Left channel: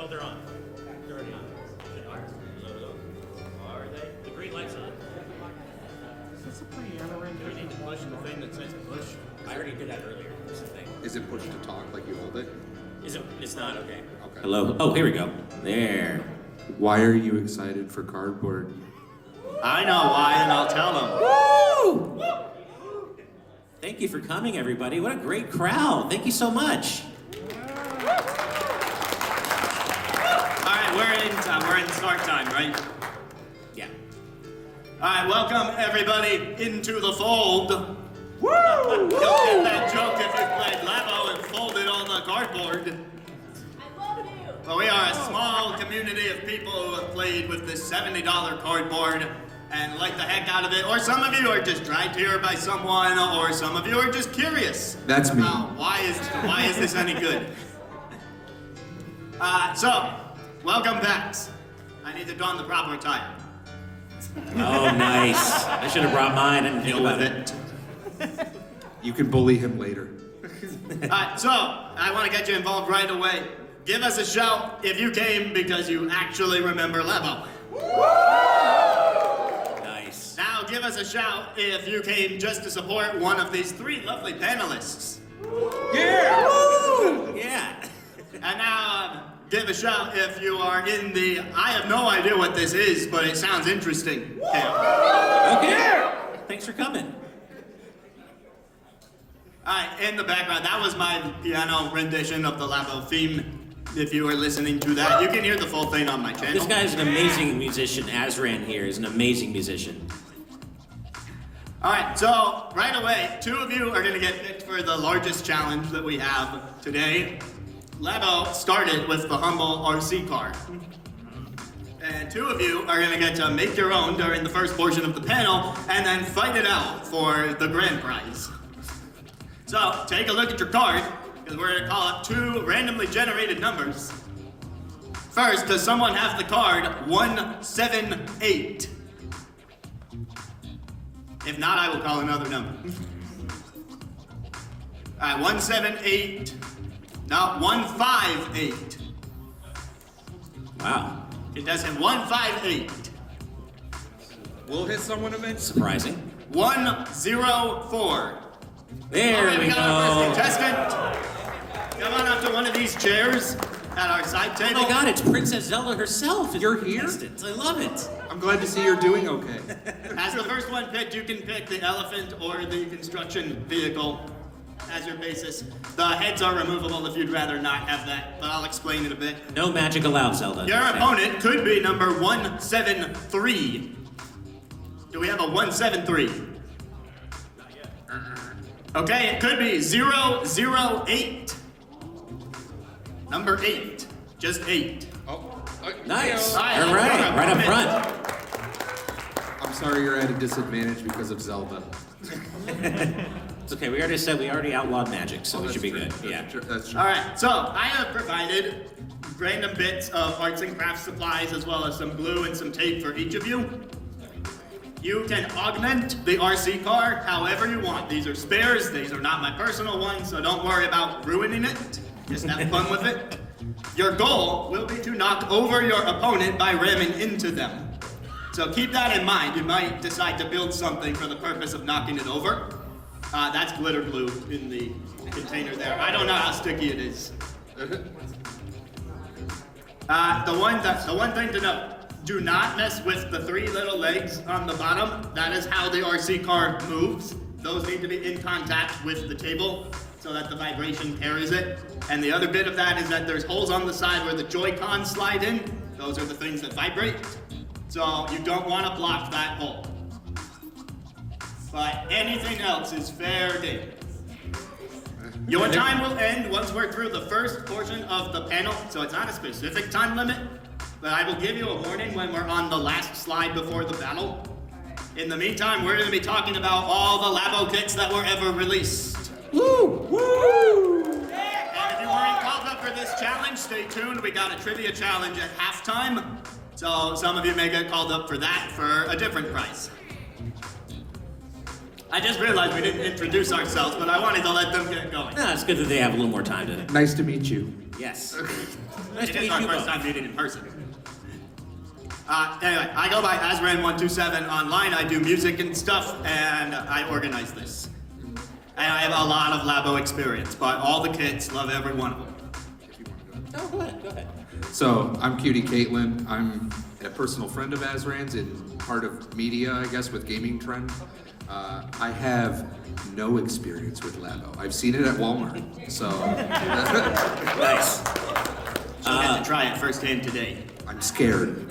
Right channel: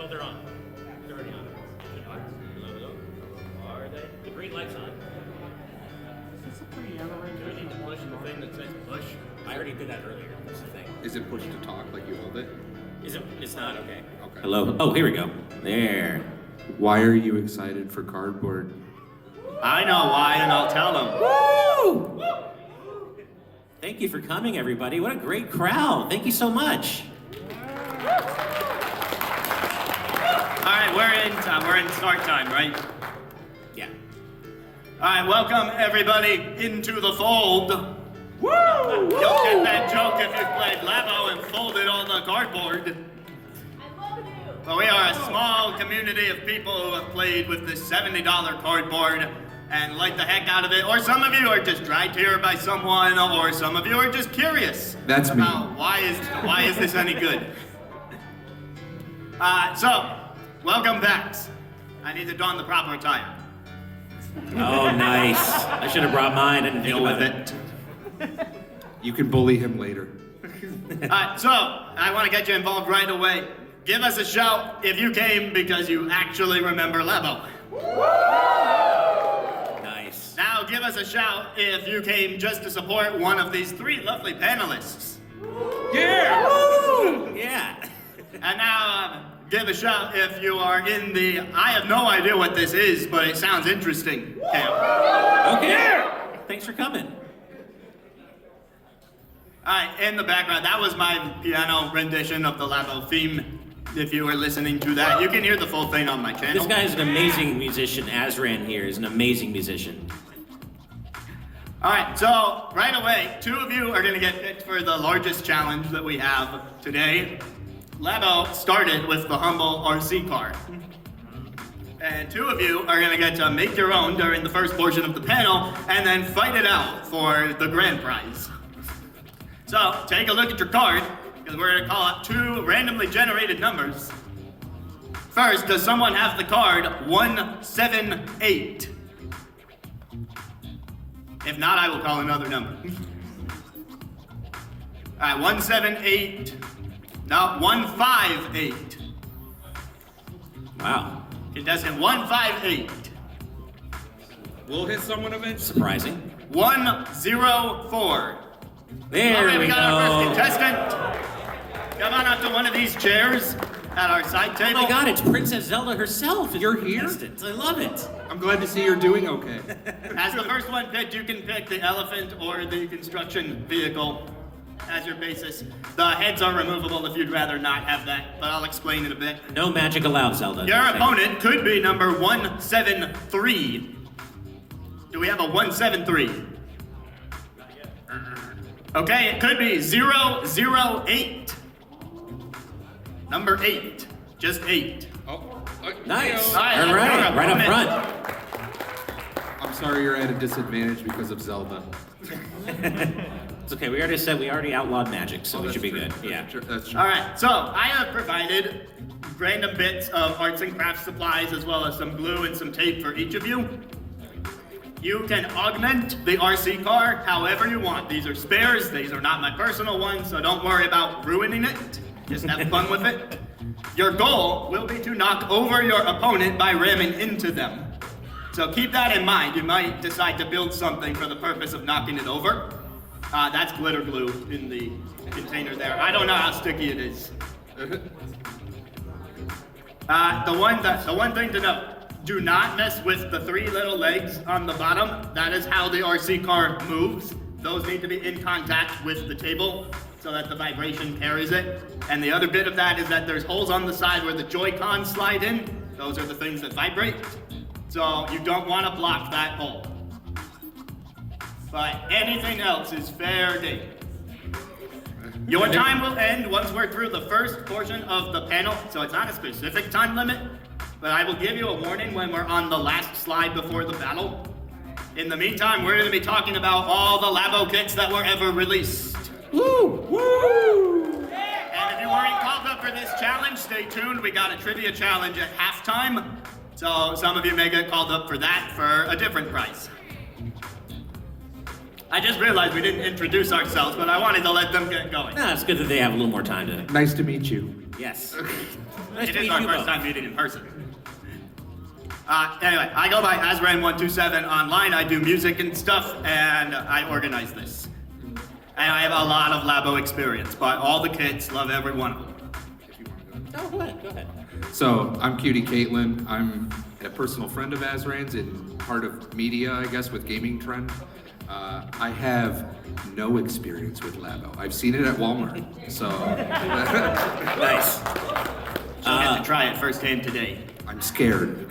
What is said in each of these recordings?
Oh, they're on. They're already on. They are? Are they? The green light's on. It's a pretty amaranth. Do we need to push the thing that says push? I already did that earlier. That's the thing. Is it push to talk like you hold it? Is it? It's not? Okay. Okay. Hello? Oh, here we go. There. Why are you excited for cardboard? I know why, and I'll tell them. Woo! Thank you for coming, everybody. What a great crowd. Thank you so much. All right, we're in start time, right? Yeah. All right, welcome everybody into the fold. Woo! You'll get that joke if you played Labo and folded on the cardboard. I love you. Well, we are a small community of people who have played with this $70 cardboard and like the heck out of it. Or some of you are just dragged here by someone, or some of you are just curious. That's me. About why is this any good? So, welcome back. I need to don the proper attire. Oh, nice. I should have brought mine and deal with it. You can bully him later. So, I want to get you involved right away. Give us a shout if you came because you actually remember Labo. Nice. Now give us a shout if you came just to support one of these three lovely panelists. Yeah! Woo! Yeah. And now give a shout if you are in the I have no idea what this is, but it sounds interesting camp. Okay. Thanks for coming. Alright, in the background, that was my piano rendition of the Labo theme. If you were listening to that, you can hear the full thing on my channel. This guy's an amazing musician. Azran here is an amazing musician. Alright, so right away, two of you are going to get picked for the largest challenge that we have today. Labo started with the humble RC car. And two of you are going to get to make your own during the first portion of the panel and then fight it out for the grand prize. So, take a look at your card, because we're going to call up two randomly generated numbers. First, does someone have the card 178? If not, I will call another number. Alright, 178. No, 158. Wow. It does hit 158. We'll hit someone eventually. Surprising. 104. There All right, we we got our go. first contestant. Come on up to one of these chairs at our side Oh table. my god, it's Princess Zelda herself. You're here? I love it. I'm glad to see you're doing okay. As the first one picked, you can pick the elephant or the construction vehicle as your basis. The heads are removable if you'd rather not have that, but I'll explain in a bit. No magic allowed, Zelda. Your opponent could be number 173. Do we have a 173? Okay, it could be 008. Number 8. Just 8. Oh, Nice. All right, All right, right up front. I'm sorry you're at a disadvantage because of Zelda. It's okay. We already outlawed magic, so it should be good. Yeah. That's true. Alright, so I have provided random bits of arts and crafts supplies as well as some glue and some tape for each of you. You can augment the RC car however you want. These are spares, these are not my personal ones, so don't worry about ruining it. Just have fun with it. Your goal will be to knock over your opponent by ramming into them. So keep that in mind. You might decide to build something for the purpose of knocking it over. That's glitter glue in the container there. I don't know how sticky it is. The one thing to note, do not mess with the three little legs on the bottom. That is how the RC car moves. Those need to be in contact with the table so that the vibration carries it. And the other bit of that is that there's holes on the side where the Joy-Cons slide in. Those are the things that vibrate. So you don't want to block that hole. But anything else is fair game. Your time will end once we're through the first portion of the panel, so it's not a specific time limit, but I will give you a warning when we're on the last slide before the battle. In the meantime, we're going to be talking about all the Labo kits that were ever released. Woo! Woo! And if you weren't called up for this challenge, stay tuned. We got a trivia challenge at halftime, so some of you may get called up for that for a different prize. I just realized we didn't introduce ourselves, but I wanted to let them get going. No, it's good that they have a little more time to. Nice to meet you. Yes. Nice It to is meet our you first both. time meeting in person. Anyway, I go by Azran127 online. I do music and stuff, and I organize this. And I have a lot of Labo experience, but all the kids love every one of them. Oh, go ahead. Go ahead. So, I'm Cutie Caitlin. I'm a personal friend of Azran's and part of media, I guess, with Gaming Trend. I have no experience with Labo. I've seen it at Walmart, so Nice. So I get to try it firsthand today. I'm scared.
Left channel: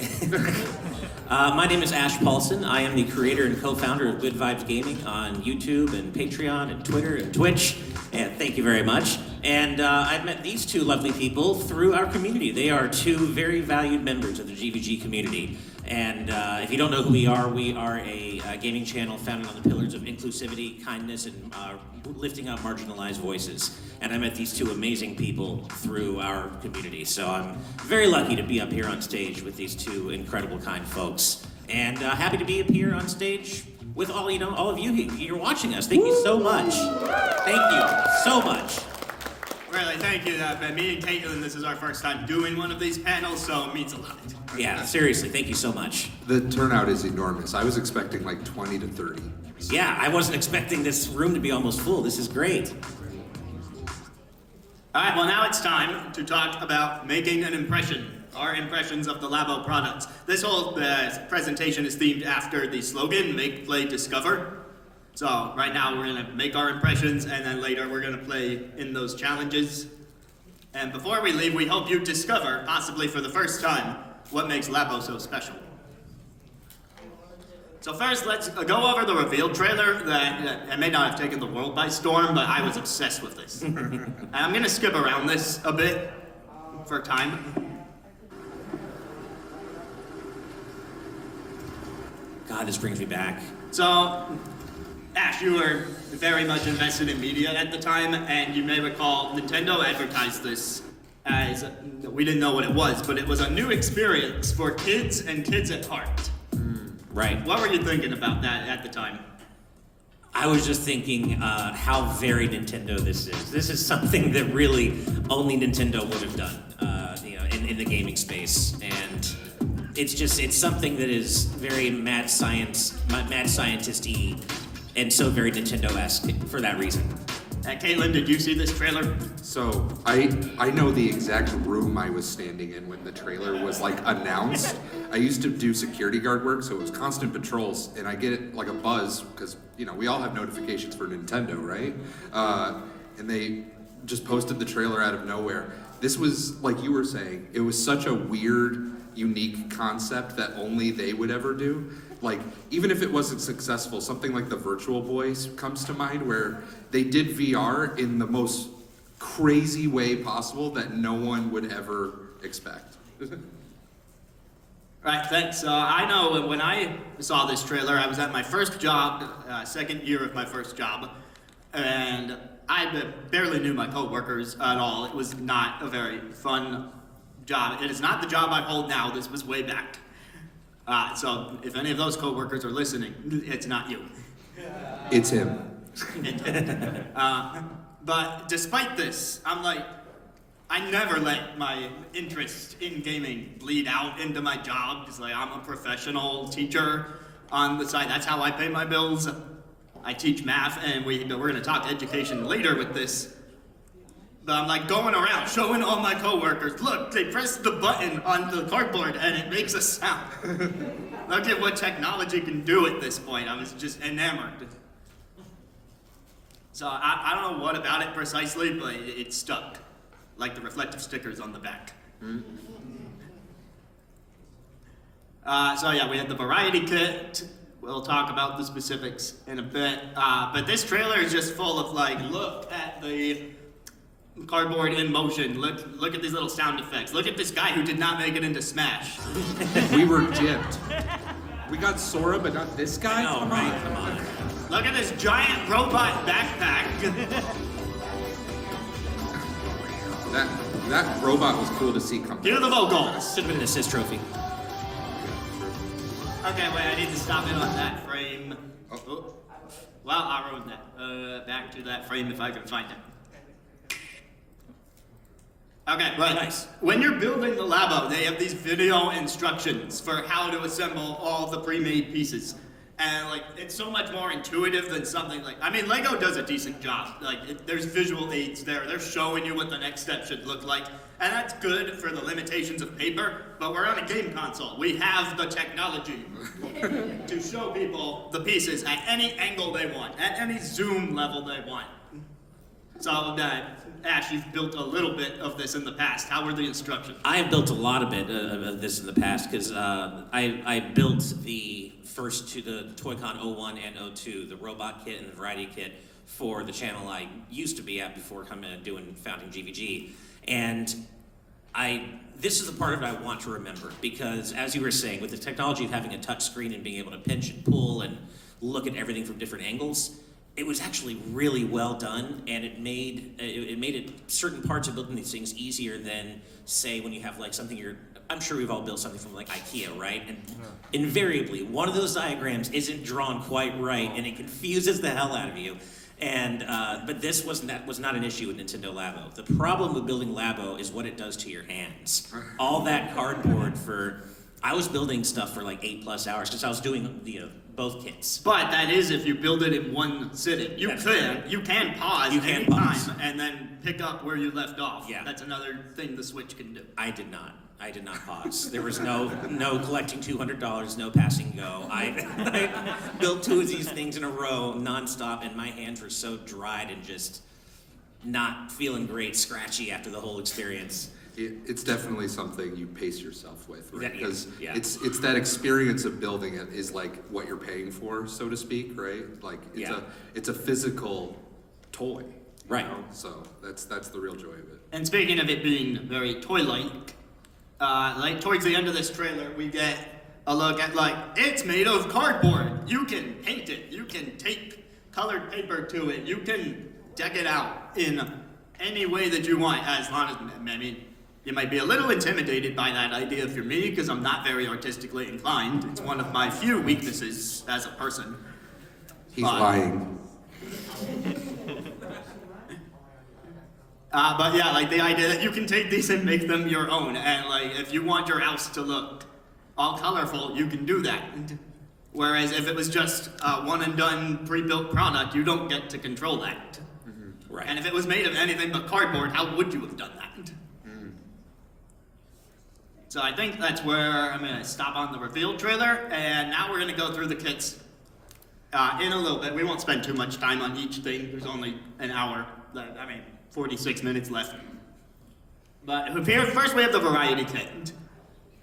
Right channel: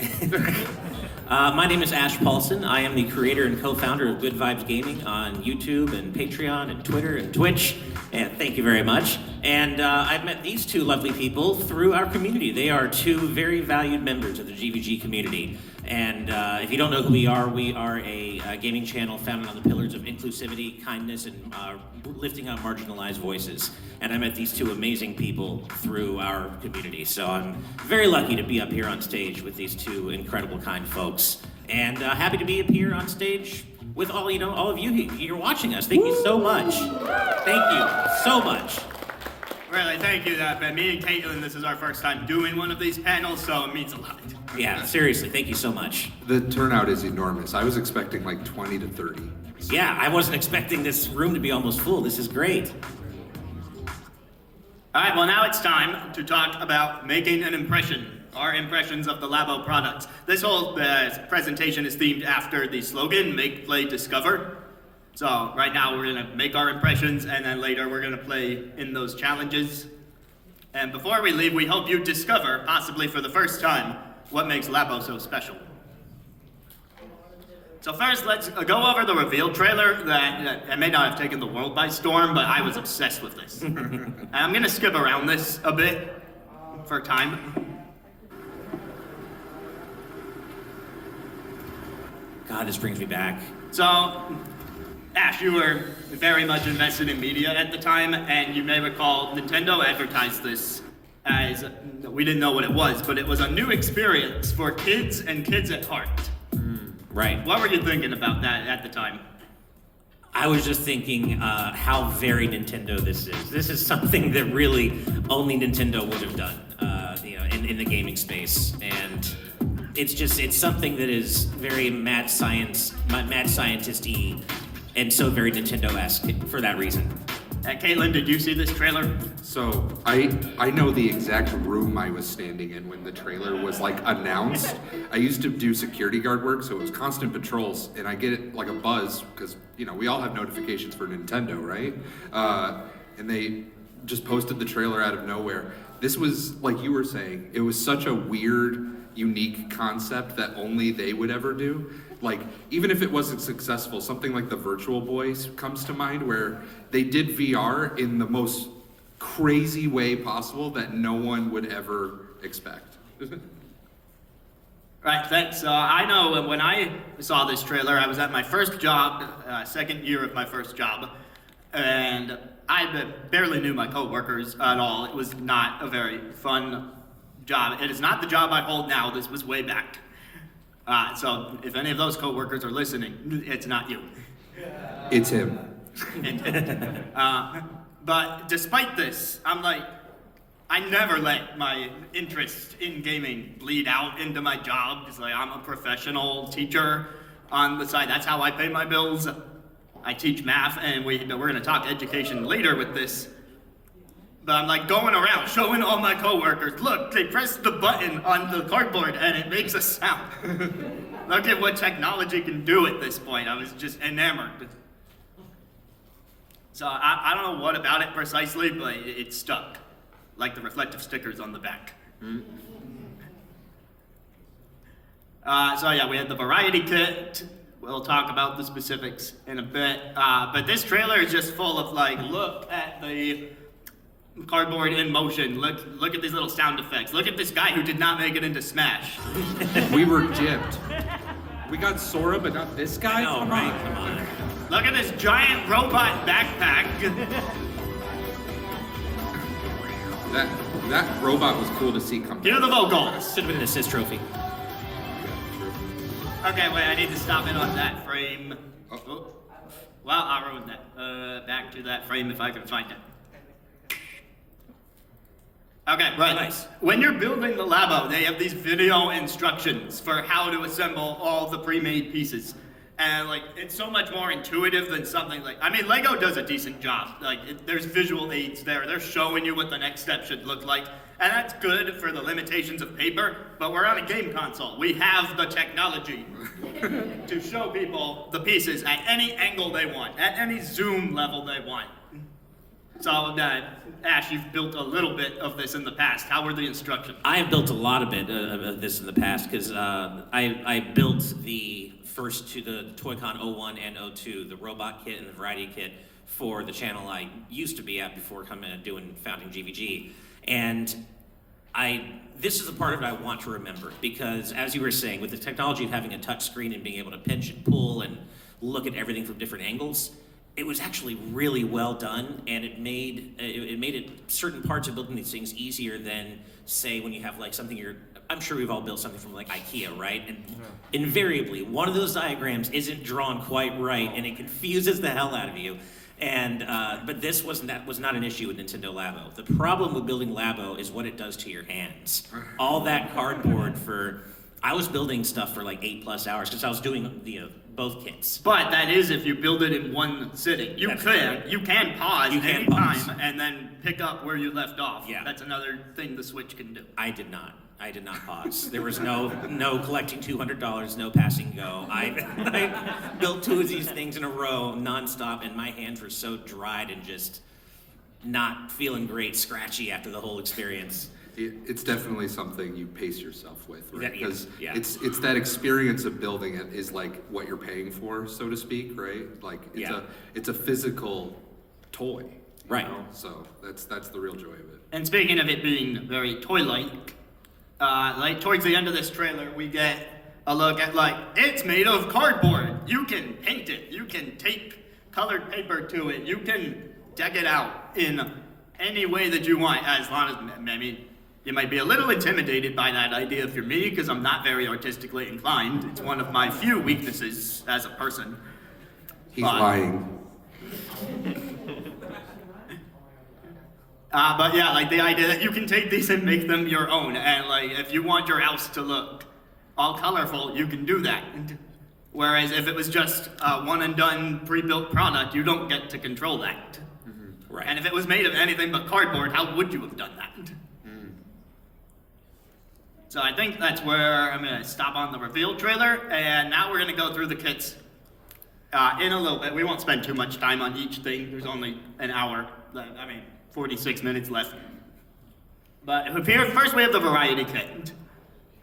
My name is Ash Paulson. I am the creator and co-founder of Good Vibes Gaming on YouTube and Patreon and Twitter and Twitch. And thank you very much. And I've met these two lovely people through our community. They are two very valued members of the GVG community. And if you don't know who we are a gaming channel founded on the pillars of inclusivity, kindness, and lifting up marginalized voices. And I met these two amazing people through our community. So I'm very lucky to be up here on stage with these two incredible, kind folks. And happy to be up here on stage with all of you you're watching us. Thank you so much. Thank you so much. Really, thank you. Me and Caitlin, this is our first time doing one of these panels, so it means a lot. Yeah, seriously, thank you so much. The turnout is enormous. I was expecting like 20 to 30. Yeah, I wasn't expecting this room to be almost full. This is great. All right, well now it's time to talk about making an impression, our impressions of the Labo products. This whole presentation is themed after the slogan, Make, Play, Discover. So right now we're gonna make our impressions and then later we're gonna play in those challenges. And before we leave, we hope you discover, possibly for the first time, what makes Labo so special. So first, let's go over the reveal trailer that may not have taken the world by storm, but I was obsessed with this. And I'm gonna skip around this a bit for time. God, this brings me back. So, Ash, you were very much invested in media at the time, and you may recall Nintendo advertised this as, we didn't know what it was, but it was a new experience for kids and kids at heart. Right. What were you thinking about that at the time? I was just thinking how very Nintendo this is. This is something that really only Nintendo would have done, in the gaming space, and it's something that is very mad scientist-y, and so very Nintendo-esque for that reason. Caitlin, did you see this trailer? So I know the exact room I was standing in when the trailer was like announced. I used to do security guard work, so it was constant patrols, and I get it like a buzz because we all have notifications for Nintendo, right? And they just posted the trailer out of nowhere. This was, like you were saying, it was such a weird, unique concept that only they would ever do. Like, even if it wasn't successful, something like the Virtual Boys comes to mind, where they did VR in the most crazy way possible that no one would ever expect. Right, thanks. I know when I saw this trailer, I was at my first job, second year of my first job, and I barely knew my coworkers at all. It was not a very fun job. It is not the job I hold now. This was way back. So if any of those coworkers are listening, it's not you. It's him. But despite this, I'm like, I never let my interest in gaming bleed out into my job. It's like, I'm a professional teacher on the side. That's how I pay my bills. I teach math, and we're gonna talk education later with this. But I'm like going around showing all my coworkers, look, they pressed the button on the cardboard and it makes a sound. Look at what technology can do at this point. I was just enamored. So I don't know what about it precisely, but it stuck. Like the reflective stickers on the back. So yeah, we had the variety kit. We'll talk about the specifics in a bit. But this trailer is just full of like, look at the cardboard in motion. Look at these little sound effects. Look at this guy who did not make it into Smash. We were gypped. We got Sora, but not this guy? Oh, Come right, on. come on. Look at this giant robot backpack. That robot was cool to see come Hear the vocals. Should have been an assist trophy. Okay, wait, I need to stop it on that frame. Oh. Well, I'll ruin that. Back to that frame if I can find it. Okay, right. Nice. When you're building the Labo, they have these video instructions for how to assemble all the pre-made pieces. And like, it's so much more intuitive than something like, I mean, Lego does a decent job. Like, there's visual aids there. They're showing you what the next step should look like. And that's good for the limitations of paper, but we're on a game console. We have the technology to show people the pieces at any angle they want, at any zoom level they want. So, Ash, you've built a little bit of this in the past. How were the instructions? I have built a lot of of this in the past because I built the first two, the Toy-Con 01 and 02, the robot kit and the variety kit for the channel I used to be at before coming and founding GVG. And this is the part of it I want to remember because, as you were saying, with the technology of having a touch screen and being able to pinch and pull and look at everything from different angles, it was actually really well done, and it made certain parts of building these things easier than, say, when you have like something I'm sure we've all built something from like IKEA, right? And invariably, one of those diagrams isn't drawn quite right, and it confuses the hell out of you. And but this was not an issue with Nintendo Labo. The problem with building Labo is what it does to your hands. All that cardboard I was building stuff for like 8+ hours because I was doing both kits. But that is if you build it in one sitting. You can pause anytime and then pick up where you left off. Yeah. That's another thing the Switch can do. I did not pause. There was no collecting $200, no passing go. I built two of these things in a row nonstop, and my hands were so dried and just not feeling great, scratchy after the whole experience. It's definitely something you pace yourself with, right? Because yeah. it's that experience of building it is like what you're paying for, so to speak, right? Like it's a physical toy, right? You know? So that's the real joy of it. And speaking of it being very toy-like, like towards the end of this trailer, we get a look at like it's made of cardboard. You can paint it. You can tape colored paper to it. You can deck it out in any way that you want, as long as maybe. You might be a little intimidated by that idea if you're me, because I'm not very artistically inclined. It's one of my few weaknesses as a person. He's lying. But yeah, like the idea that you can take these and make them your own, and like if you want your house to look all colorful, you can do that. Whereas if it was just a one and done pre-built product, you don't get to control that. Mm-hmm. Right. And if it was made of anything but cardboard, how would you have done that? So I think that's where I'm going to stop on the reveal trailer, and now we're going to go through the kits in a little bit. We won't spend too much time on each thing. There's only an hour, 46 minutes left. But here, first we have the variety kit.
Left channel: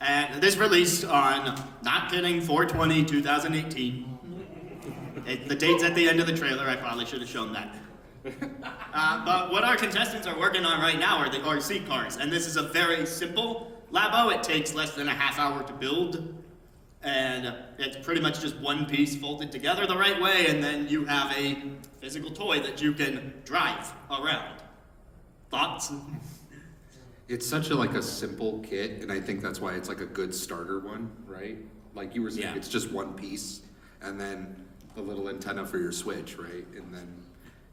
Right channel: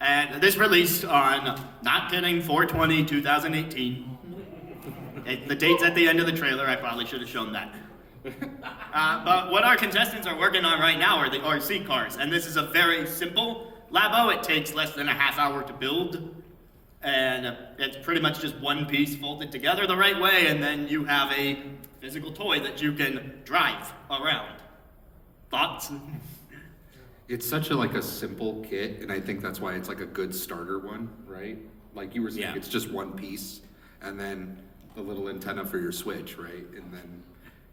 And this released on, not kidding, 4/20/2018. The date's at the end of the trailer. I probably should have shown that. But what our contestants are working on right now are the RC cars, and this is a very simple Labo. It takes less than a half hour to build, and it's pretty much just one piece folded together the right way, and then you have a physical toy that you can drive around. Thoughts? It's such a simple kit, and I think that's why it's like a good starter one, right? Like you were saying, It's just one piece, and then the little antenna for your Switch, right? And then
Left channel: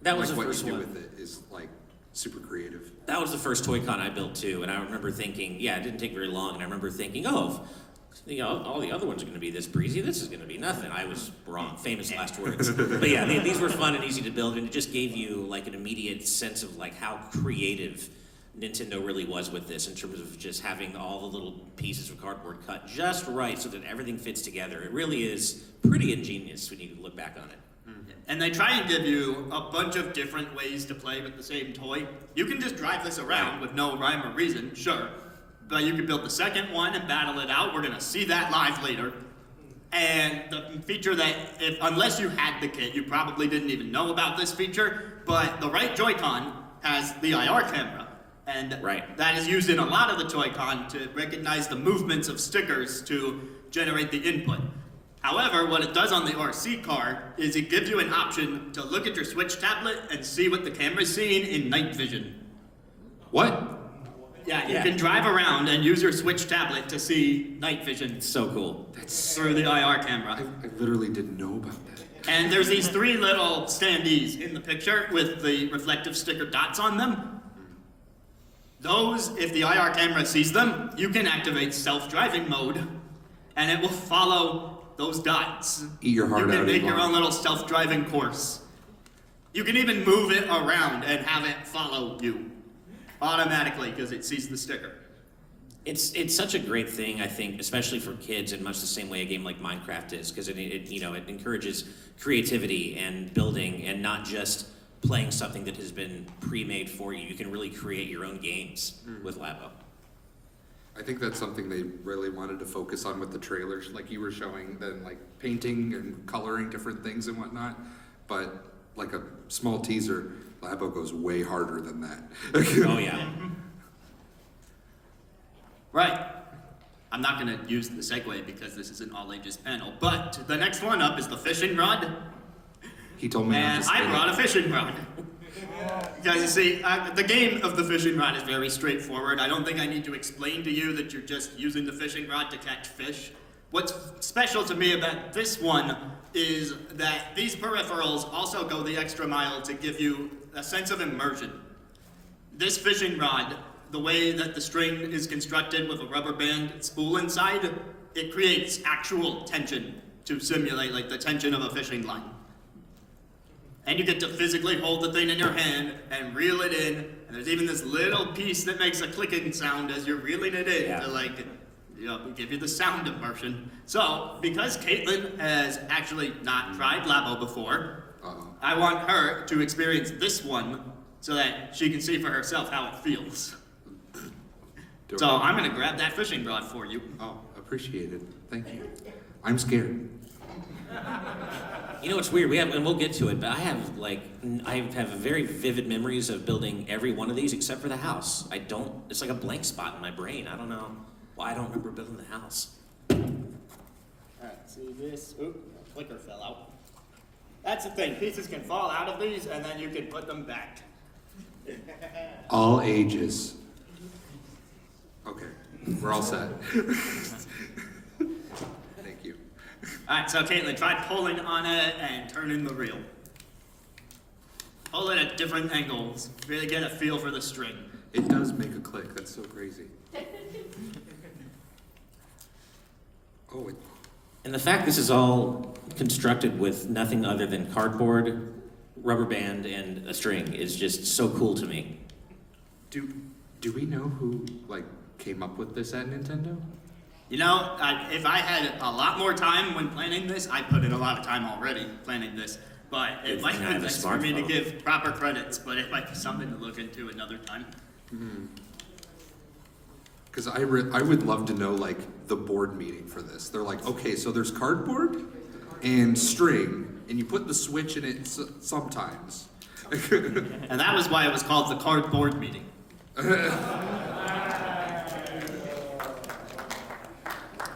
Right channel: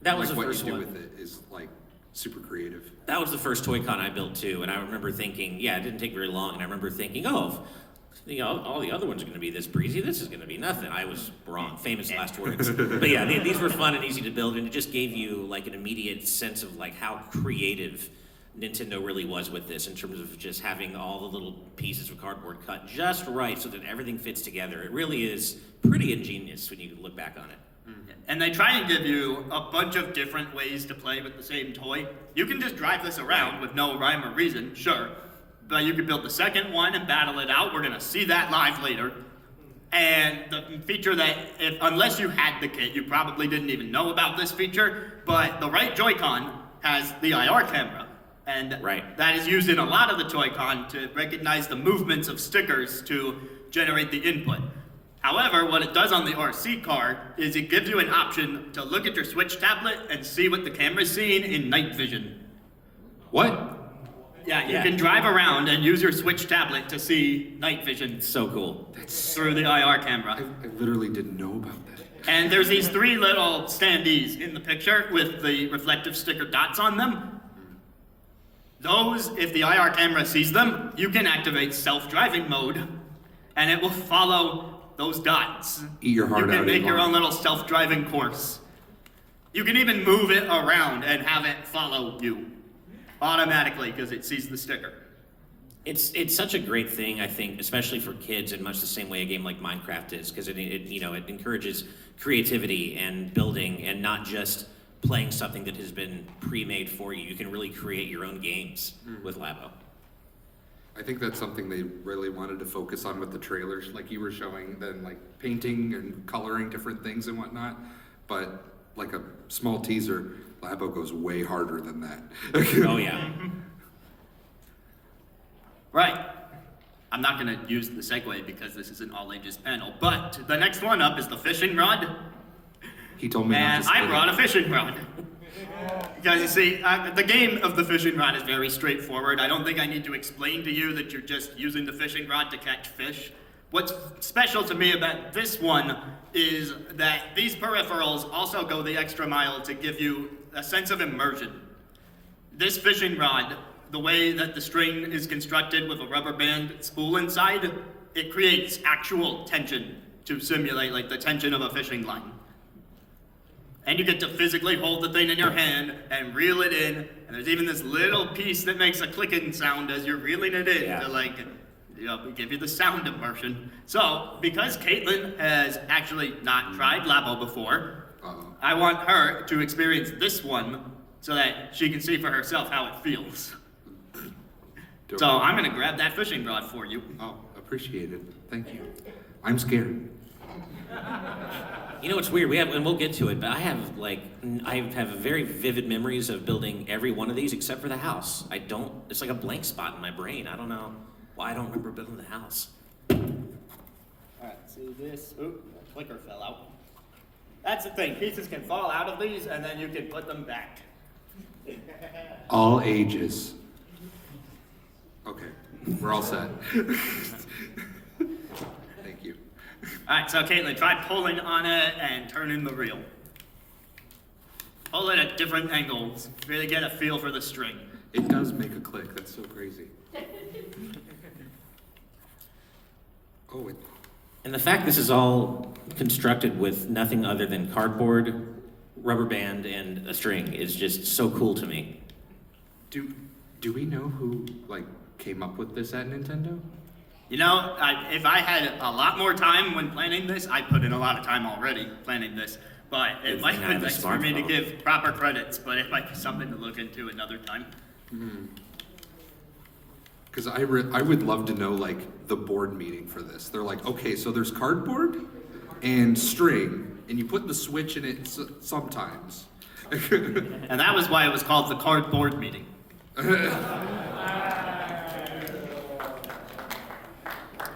that was the what first you do one. with it is like super creative. That was the first Toy-Con I built too, and I remember thinking, it didn't take very long, and I remember thinking, all the other ones are going to be this breezy, this is going to be nothing. I was wrong. Famous last words. But yeah, these were fun and easy to build, and it just gave you like an immediate sense of like how creative Nintendo really was with this in terms of just having all the little pieces of cardboard cut just right so that everything fits together. It really is pretty ingenious when you look back on it. And they try and give you a bunch of different ways to play with the same toy. You can just drive this around with no rhyme or reason, sure. But you could build the second one and battle it out. We're going to see that live later. And the feature that, unless you had the kit, you probably didn't even know about this feature, but the right Joy-Con has the IR camera. And that is used in a lot of the Toy-Con to recognize the movements of stickers to generate the input. However, what it does on the RC car is it gives you an option to look at your Switch tablet and see what the camera's seeing in night vision. What? Yeah, you can drive around and use your Switch tablet to see night vision. So cool. Through the IR camera. I literally didn't know about that. And there's these 3 little standees in the picture with the reflective sticker dots on them. Those, if the IR camera sees them, you can activate self-driving mode, and it will follow those dots. Eat your heart You out. can make your Elon. own little self-driving course. You can even move it around and have it follow you automatically because it sees the sticker. It's such a great thing, I think, especially for kids in much the same way a game like Minecraft is, because it encourages creativity and building, and not just playing something that has been pre-made for you. You can really create your own games with Labo. I think that's something they really wanted to focus on with the trailers, like you were showing, then like painting and coloring different things and whatnot. But like a small teaser, Labo goes way harder than that. Oh yeah. Right. I'm not going to use the segue because this is an all-ages panel, but the next one up is the fishing rod. He told me not And to spin I it. brought a fishing rod. Because you see, the game of the fishing rod is very straightforward. I don't think I need to explain to you that you're just using the fishing rod to catch fish. What's special to me about this one is that these peripherals also go the extra mile to give you a sense of immersion. This fishing rod, the way that the string is constructed with a rubber band spool inside, it creates actual tension to simulate like the tension of a fishing line. And you get to physically hold the thing in your hand and reel it in, and there's even this little piece that makes a clicking sound as you're reeling it in to like, give you the sound immersion. So, because Caitlin has actually not tried Labo before, I want her to experience this one so that she can see for herself how it feels. So I'm gonna grab that fishing rod for you. Oh, appreciate it. Thank you. I'm scared. You know, it's weird. And we'll get to it, but I have very vivid memories of building every one of these except for the house. It's like a blank spot in my brain. I don't know why I don't remember building the house. Alright, see this? Oop, the clicker fell out. That's the thing, pieces can fall out of these and then you can put them back. All ages. Okay, we're all set. Thank you. Alright, so Caitlin, try pulling on it and turning the reel. Pull it at different angles. Really get a feel for the string. It does make a click. That's so crazy. Oh, it. And the fact this is all constructed with nothing other than cardboard, rubber band, and a string is just so cool to me. Do we know who came up with this at Nintendo? You know, if I had a lot more time when planning this, I put in a lot of time already planning this, but it might have been nice for me to give proper credits, but it might be something to look into another time. Because I would love to know the board meeting for this. They're like, okay, so there's cardboard and string, and you put the switch in it sometimes. And that was why it was called the cardboard meeting.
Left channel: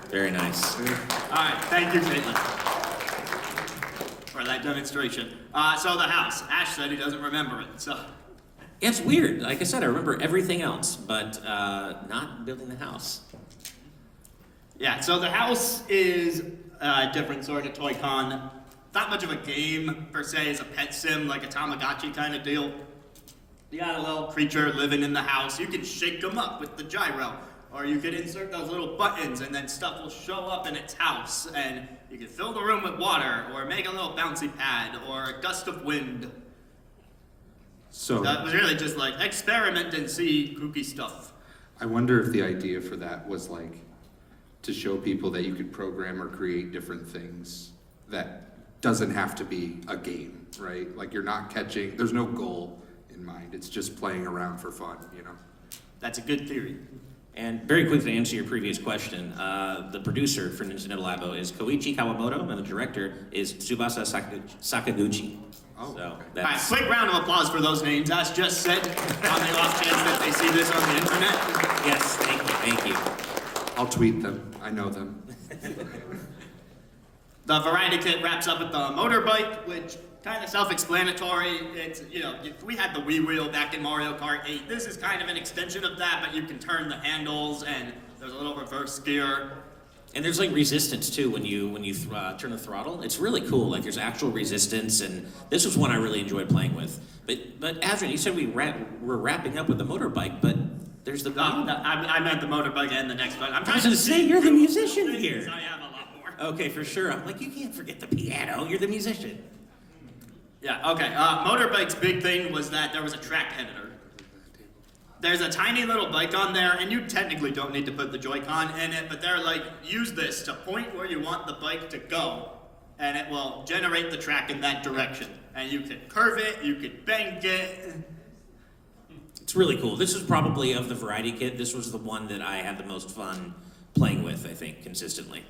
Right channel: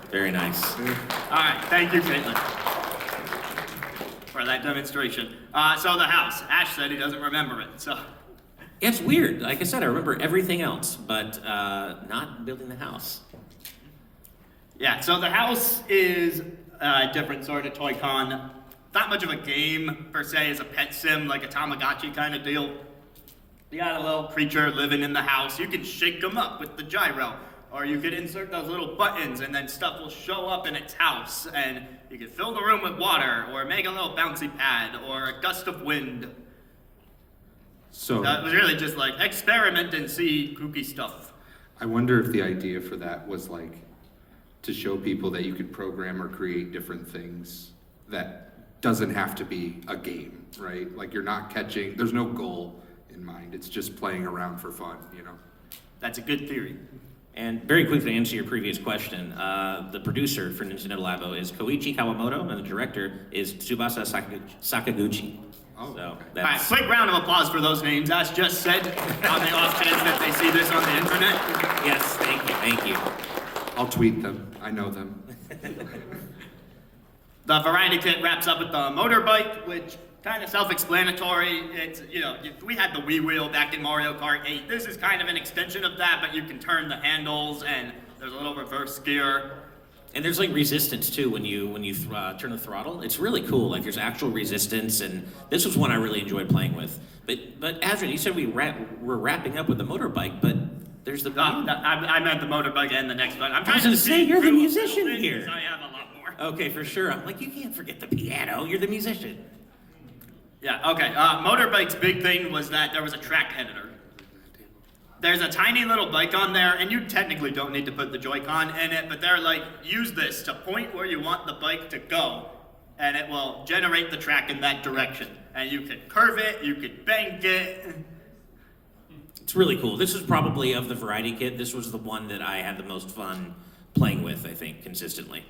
Very nice. Alright, thank you, Caitlin, for that demonstration. So the house, Ash said he doesn't remember it, so. Yeah, it's weird. Like I said, I remember everything else, but not building the house. Yeah, so the house is a different sort of toy con. Not much of a game, per se, as a pet sim, like a Tamagotchi kind of deal. You got a little creature living in the house. You can shake them up with the gyro. Or you could insert those little buttons and then stuff will show up in its house. And you can fill the room with water, or make a little bouncy pad, or a gust of wind. So It was really just experiment and see kooky stuff. I wonder if the idea for that was to show people that you could program or create different things that doesn't have to be a game, right? You're not catching, there's no goal in mind. It's just playing around for fun, That's a good theory. And very quickly to answer your previous question, the producer for Nintendo Labo is Koichi Kawamoto, and the director is Tsubasa Sakaguchi. Oh. So All right, that's quick round of applause for those names. As just said, on the off chance that they see this on the internet. yes, thank you. I'll tweet them. I know them. The variety kit wraps up with the motorbike, which kind of self-explanatory. It's, we had the Wii wheel back in Mariokart 8. This is kind of an extension of that, but you can turn the handles and there's a little reverse gear. And there's like resistance too when you turn the throttle. It's really cool. Like there's actual resistance, and this was one I really enjoyed playing with. But Azrin, you said we're wrapping up with the motorbike, but there's the. I meant the motorbike and the next one. I'm I trying was to gonna say you're the musician here. I have a lot more. Okay, for sure. I'm like, you can't forget the piano. You're the musician. Yeah. Okay. Motorbike's big thing was that there was a track editor. There's a tiny little bike on there, and you technically don't need to put the Joy-Con in it, but they're like, use this to point where you want the bike to go, and it will generate the track in that direction. And you can curve it, you can bank it. It's really cool. This is probably, of the variety kit, this was the one that I had the most fun playing with, I think, consistently.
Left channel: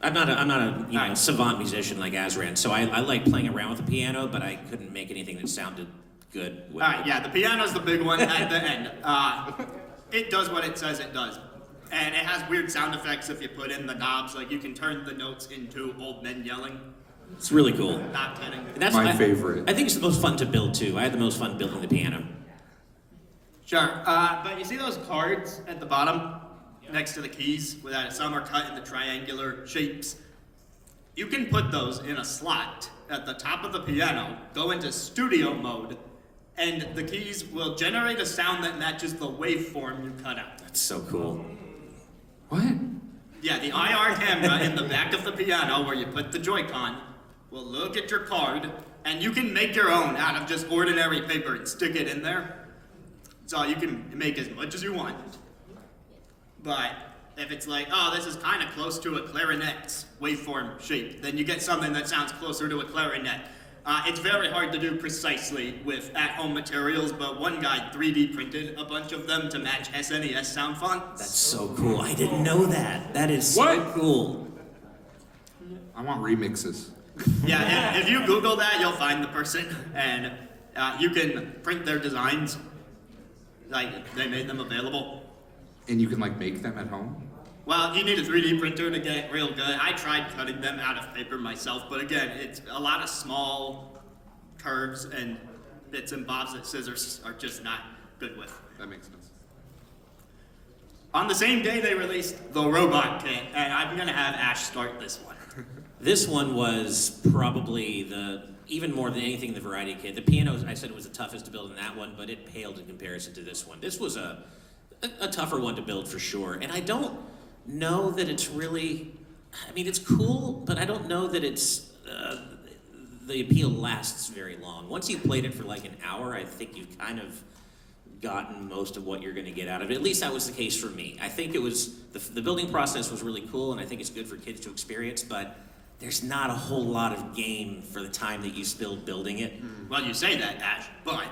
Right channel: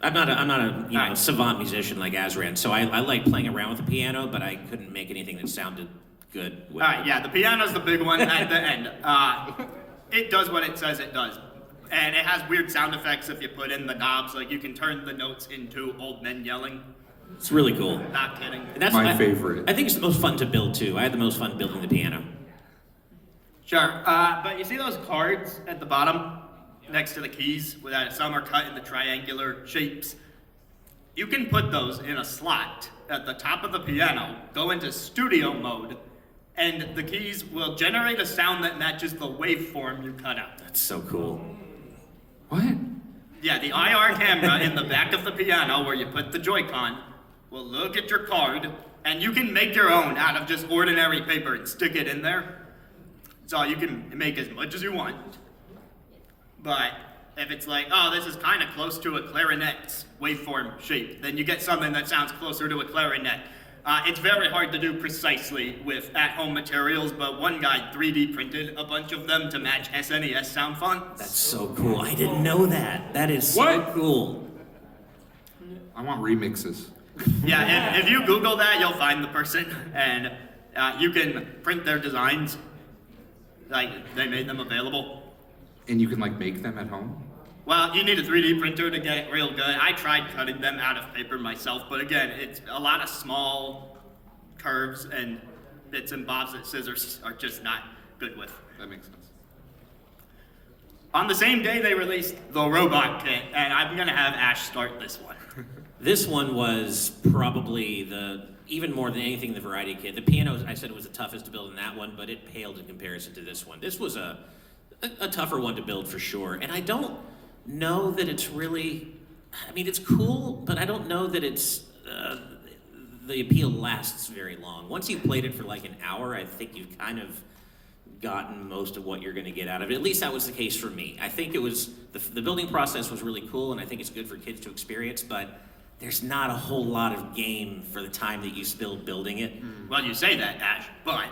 I'm not a savant musician like Azran, so I like playing around with the piano, but I couldn't make anything that sounded good. Yeah, the piano's the big one at the end. It does what it says it does. And it has weird sound effects if you put in the knobs, like you can turn the notes into old men yelling. It's really cool. Not kidding. And that's My favorite. I think it's the most fun to build too. I had the most fun building the piano. Sure, but you see those cards at the bottom next to the keys, where some are cut into triangular shapes? You can put those in a slot at the top of the piano, go into studio mode, and the keys will generate a sound that matches the waveform you cut out. That's so cool. What? Yeah, the IR camera in the back of the piano where you put the Joy-Con will look at your card, and you can make your own out of just ordinary paper and stick it in there. So you can make as much as you want. But if it's like, oh, this is kind of close to a clarinet's waveform shape, then you get something that sounds closer to a clarinet. It's very hard to do precisely with at-home materials, but one guy 3D printed a bunch of them to match SNES sound fonts. That's so cool. I didn't know that. That is so cool. I want remixes. Yeah, if you Google that, you'll find the person, and you can print their designs. Like, they made them available. And you can like make them at home? Well, you need a 3D printer to get it real good. I tried cutting them out of paper myself, but again, it's a lot of small curves and bits and bobs that scissors are just not good with. That makes sense. On the same day, they released the robot kit, and I'm gonna have Ash start this one. This one was probably even more than anything the variety kit. The piano, I said it was the toughest to build in that one, but it paled in comparison to this one. This was a tougher one to build for sure, and I don't know that it's really, I mean, it's cool, but I don't know that it's, the appeal lasts very long. Once you've played it for like an hour, I think you've kind of gotten most of what you're going to get out of it. At least that was the case for me. I think it was, the building process was really cool, and I think it's good for kids to experience, but there's not a whole lot of game for the time that you spilled building it. Well, you say that, Ash, but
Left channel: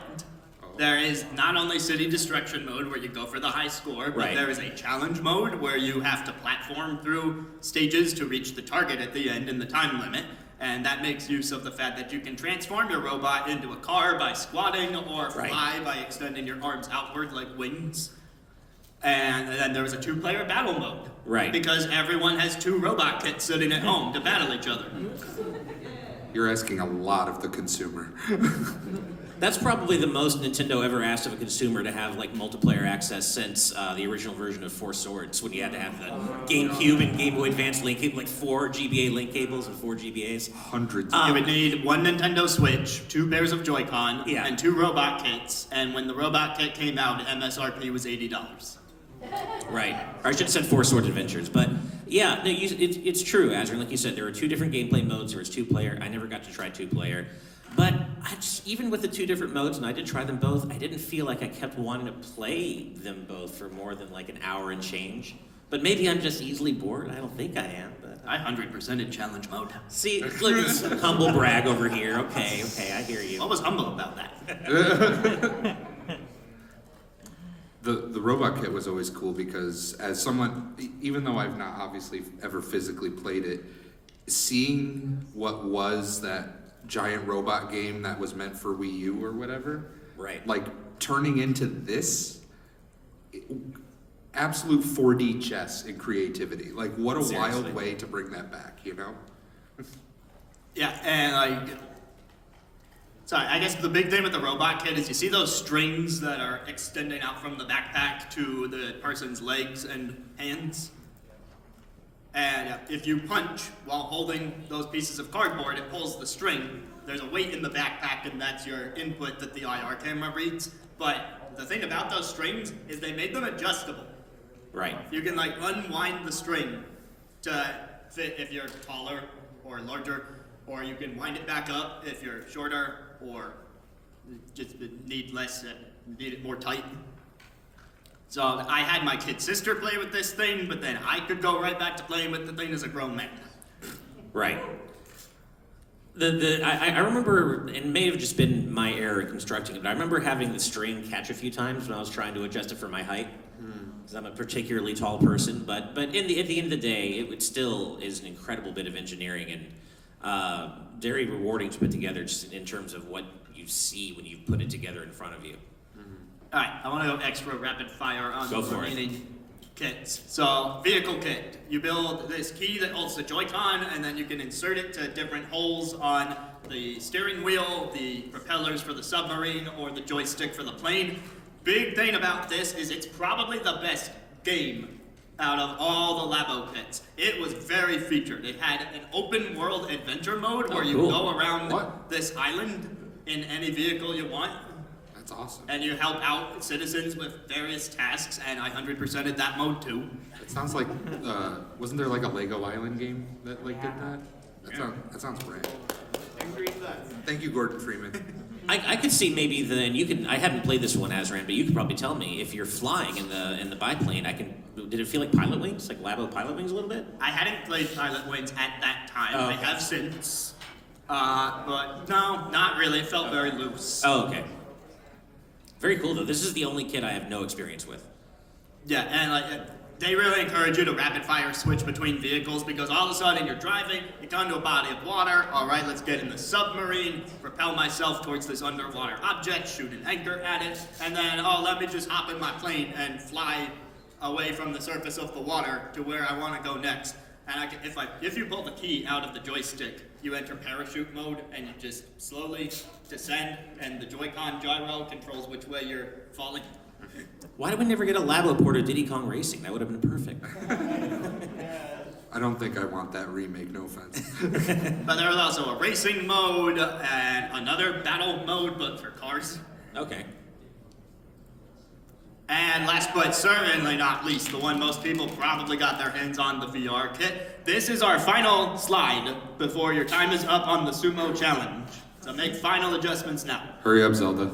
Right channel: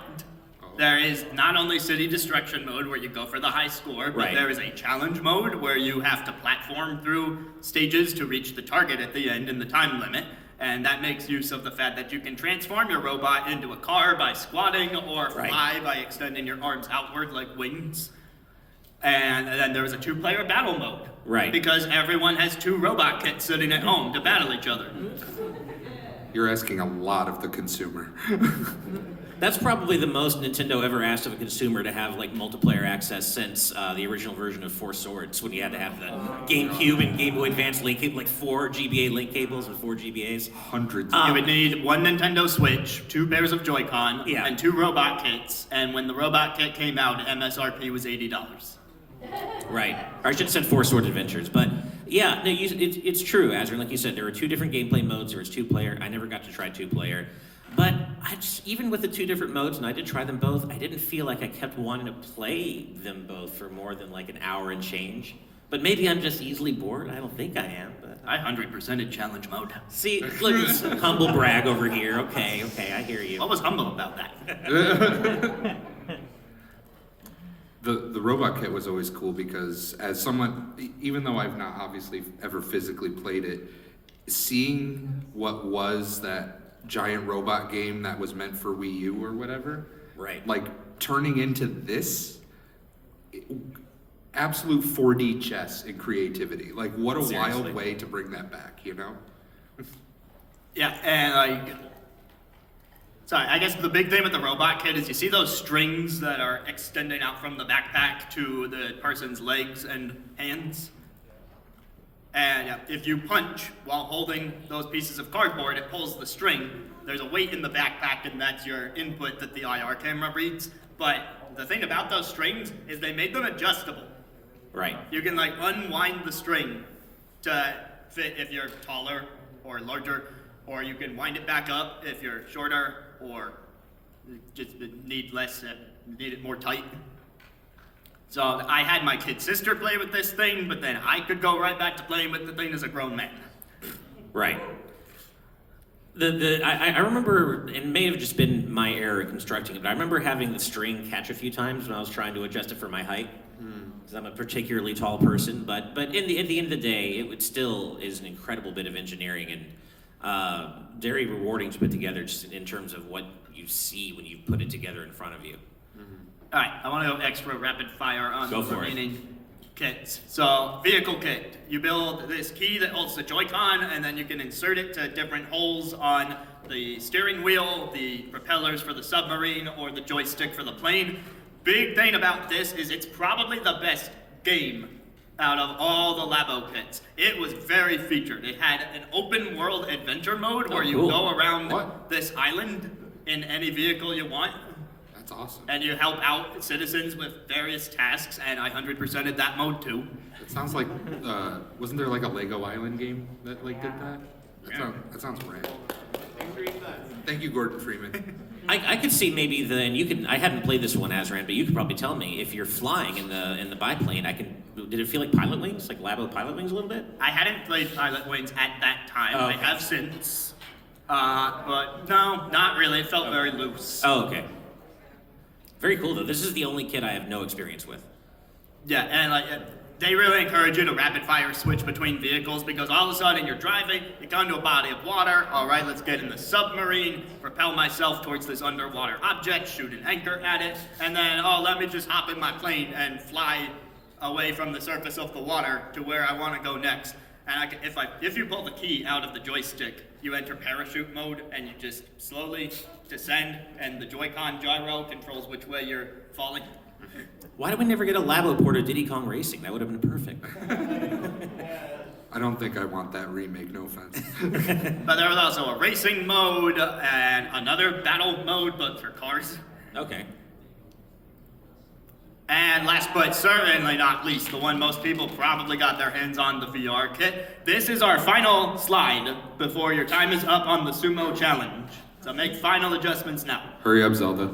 there is not only city destruction mode where you go for the high score, but there is a challenge mode where you have to platform through stages to reach the target at the end in the time limit. And that makes use of the fact that you can transform your robot into a car by squatting or fly by extending your arms outward like wings. And then there's a 2-player battle mode. Right. Because everyone has 2 robot kits sitting at home to battle each other. You're asking a lot of the consumer. That's probably the most Nintendo ever asked of a consumer to have like multiplayer access since the original version of Four Swords, when you had to have the GameCube and Game Boy Advance link cable, like 4 GBA link cables and 4 GBAs. Hundreds. You would need 1 Nintendo Switch, 2 pairs of Joy-Con, Yeah. and 2 robot kits. And when the robot kit came out, MSRP was $80. Right. Or I should have said Four Sword Adventures. But yeah, no, it's true, Azrin. Like you said, there were 2 different gameplay modes. There was 2-player. I never got to try 2-player. But even with the 2 different modes, and I did try them both, I didn't feel like I kept wanting to play them both for more than like an hour and change. But maybe I'm just easily bored. I don't think I am. But I 100% in challenge mode. see, look, it's humble brag over here. Okay, I hear you. What was humble about that? The robot kit was always cool because as someone, even though I've not obviously ever physically played it, seeing what was that giant robot game that was meant for Wii U or whatever, Right. like turning into this, absolute 4D chess in creativity. Like what a Seriously. wild way to bring that back, you know? Yeah, and sorry, I guess the big thing with the robot kit is you see those strings that are extending out from the backpack to the person's legs and hands? And if you punch while holding those pieces of cardboard, it pulls the string. There's a weight in the backpack, and that's your input that the IR camera reads. But the thing about those strings is they made them adjustable. Right. You can like unwind the string to fit if you're taller or larger, or you can wind it back up if you're shorter or just need it more tight. So I had my kid sister play with this thing, but then I could go right back to playing with the thing as a grown man. Right. I remember, it may have just been my error constructing it, but I remember having the string catch a few times when I was trying to adjust it for my height. Because I'm a particularly tall person, but at the end of the day, it still is an incredible bit of engineering and very rewarding to put together just in terms of what you see when you put it together in front of you. All right, I want to go extra rapid fire on Go the for it. remaining kits. So, vehicle kit. You build this key that holds the Joy-Con, and then you can insert it to different holes on the steering wheel, the propellers for the submarine, or the joystick for the plane. Big thing about this is it's probably the best game out of all the Labo kits. It was very featured. It had an open world adventure mode where you cool. go around What? this island in any vehicle you want. That's awesome. And you help out citizens with various tasks, and I 100%ed that mode too. It sounds like, wasn't there like a Lego Island game that like did that? That sounds great. Thank you, Gordon Freeman. I could see maybe I hadn't played this one, Azran, but you could probably tell me if you're flying in the biplane. Did it feel like Pilot Wings, like Labo Pilot Wings a little bit? I hadn't played Pilot Wings at that time. Oh, I okay. have since. But no, not really. It felt very loose. Oh, okay. Very cool, though. This is the only kit I have no experience with. Yeah, and they really encourage you to rapid fire switch between vehicles because all of a sudden you're driving, you come to a body of water, all right, let's get in the submarine, propel myself towards this underwater object, shoot an anchor at it, and then, let me just hop in my plane and fly away from the surface of the water to where I want to go next. And if you pull the key out of the joystick, you enter parachute mode and you just slowly descend, and the Joy-Con gyro controls which way you're falling. Why did we never get a Labo port of Diddy Kong Racing? That would have been perfect. I don't think I want that remake, no offense. But there was also a racing mode and another battle mode, but for cars. Okay. And last but certainly not least, the one most people probably got their hands on, the VR kit. This is our final slide before your time is up on the sumo challenge. So make final adjustments now. Hurry up, Zelda.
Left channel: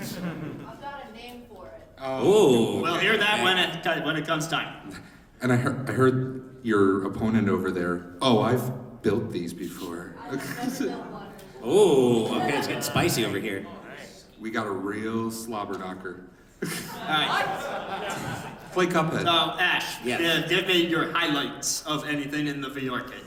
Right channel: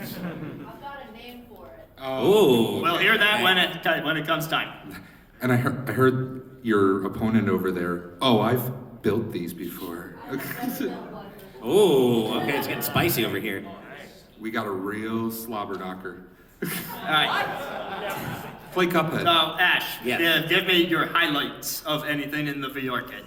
I've got a name for it. Oh. We'll hear that when it comes time. And I heard your opponent over there. Oh, I've built these before. I've never built one. Oh, okay, it's getting spicy over here. We got a real slobber knocker. All right. Play Cuphead. So Ash, Yeah. give me your highlights of anything in the VR kit.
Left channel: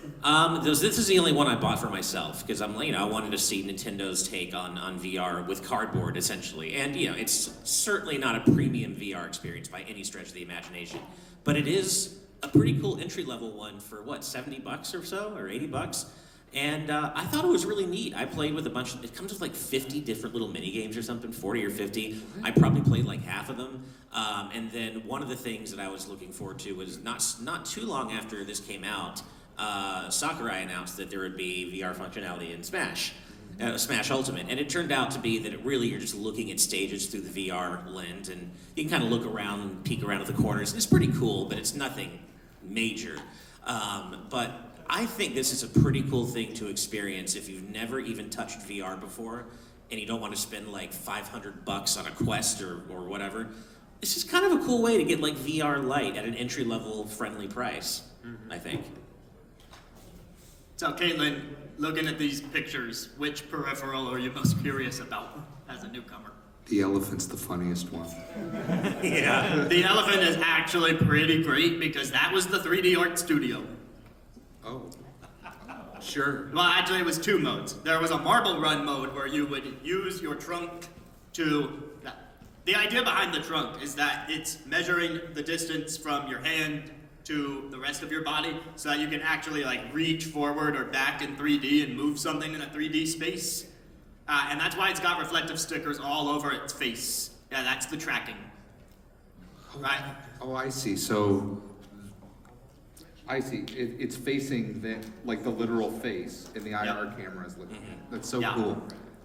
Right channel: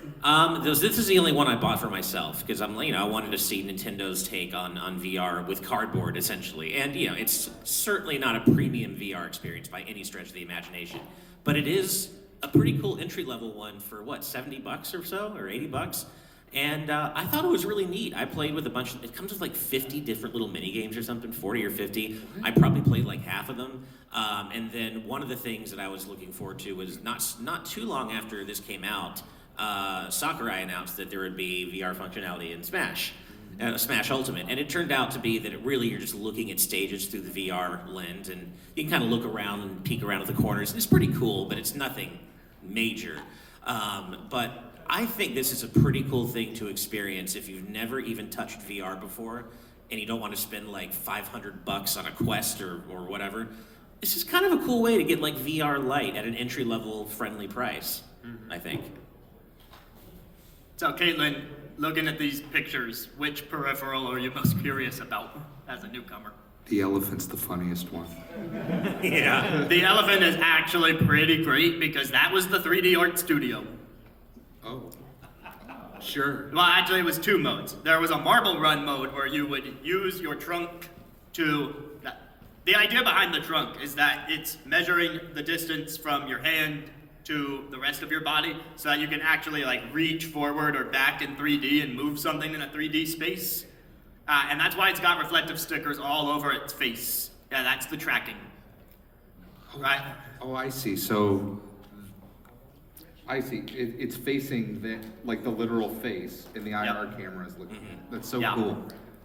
This is the only one I bought for myself because I wanted to see Nintendo's take on VR with cardboard essentially, and it's certainly not a premium VR experience by any stretch of the imagination, but it is a pretty cool entry level one for what, $70 or so, or $80. And I thought it was really neat. I played with it comes with like 50 different little mini games or something, 40 or 50. I probably played like half of them. And then one of the things that I was looking forward to was not too long after this came out, Sakurai announced that there would be VR functionality in Smash Ultimate. And it turned out to be that you're just looking at stages through the VR lens, and you can kind of look around and peek around at the corners. And it's pretty cool, but it's nothing major. But I think this is a pretty cool thing to experience if you've never even touched VR before and you don't want to spend like $500 on a Quest or whatever. It's just kind of a cool way to get like VR Lite at an entry-level friendly price, I think. So Caitlin, looking at these pictures, which peripheral are you most curious about as a newcomer? The elephant's the funniest one. Yeah. The elephant is actually pretty great because that was the 3D art studio. Oh, sure. Well, actually, it was two modes. There was a marble run mode where you would use your trunk to... The idea behind the trunk is that it's measuring the distance from your hand to the rest of your body so that you can actually like reach forward or back in 3D and move something in a 3D space. And that's why it's got reflective stickers all over its face. Yeah, that's the tracking. Right? Oh, I see. So I see. It's facing the literal face, and the IR camera is looking. That's so Yeah. cool.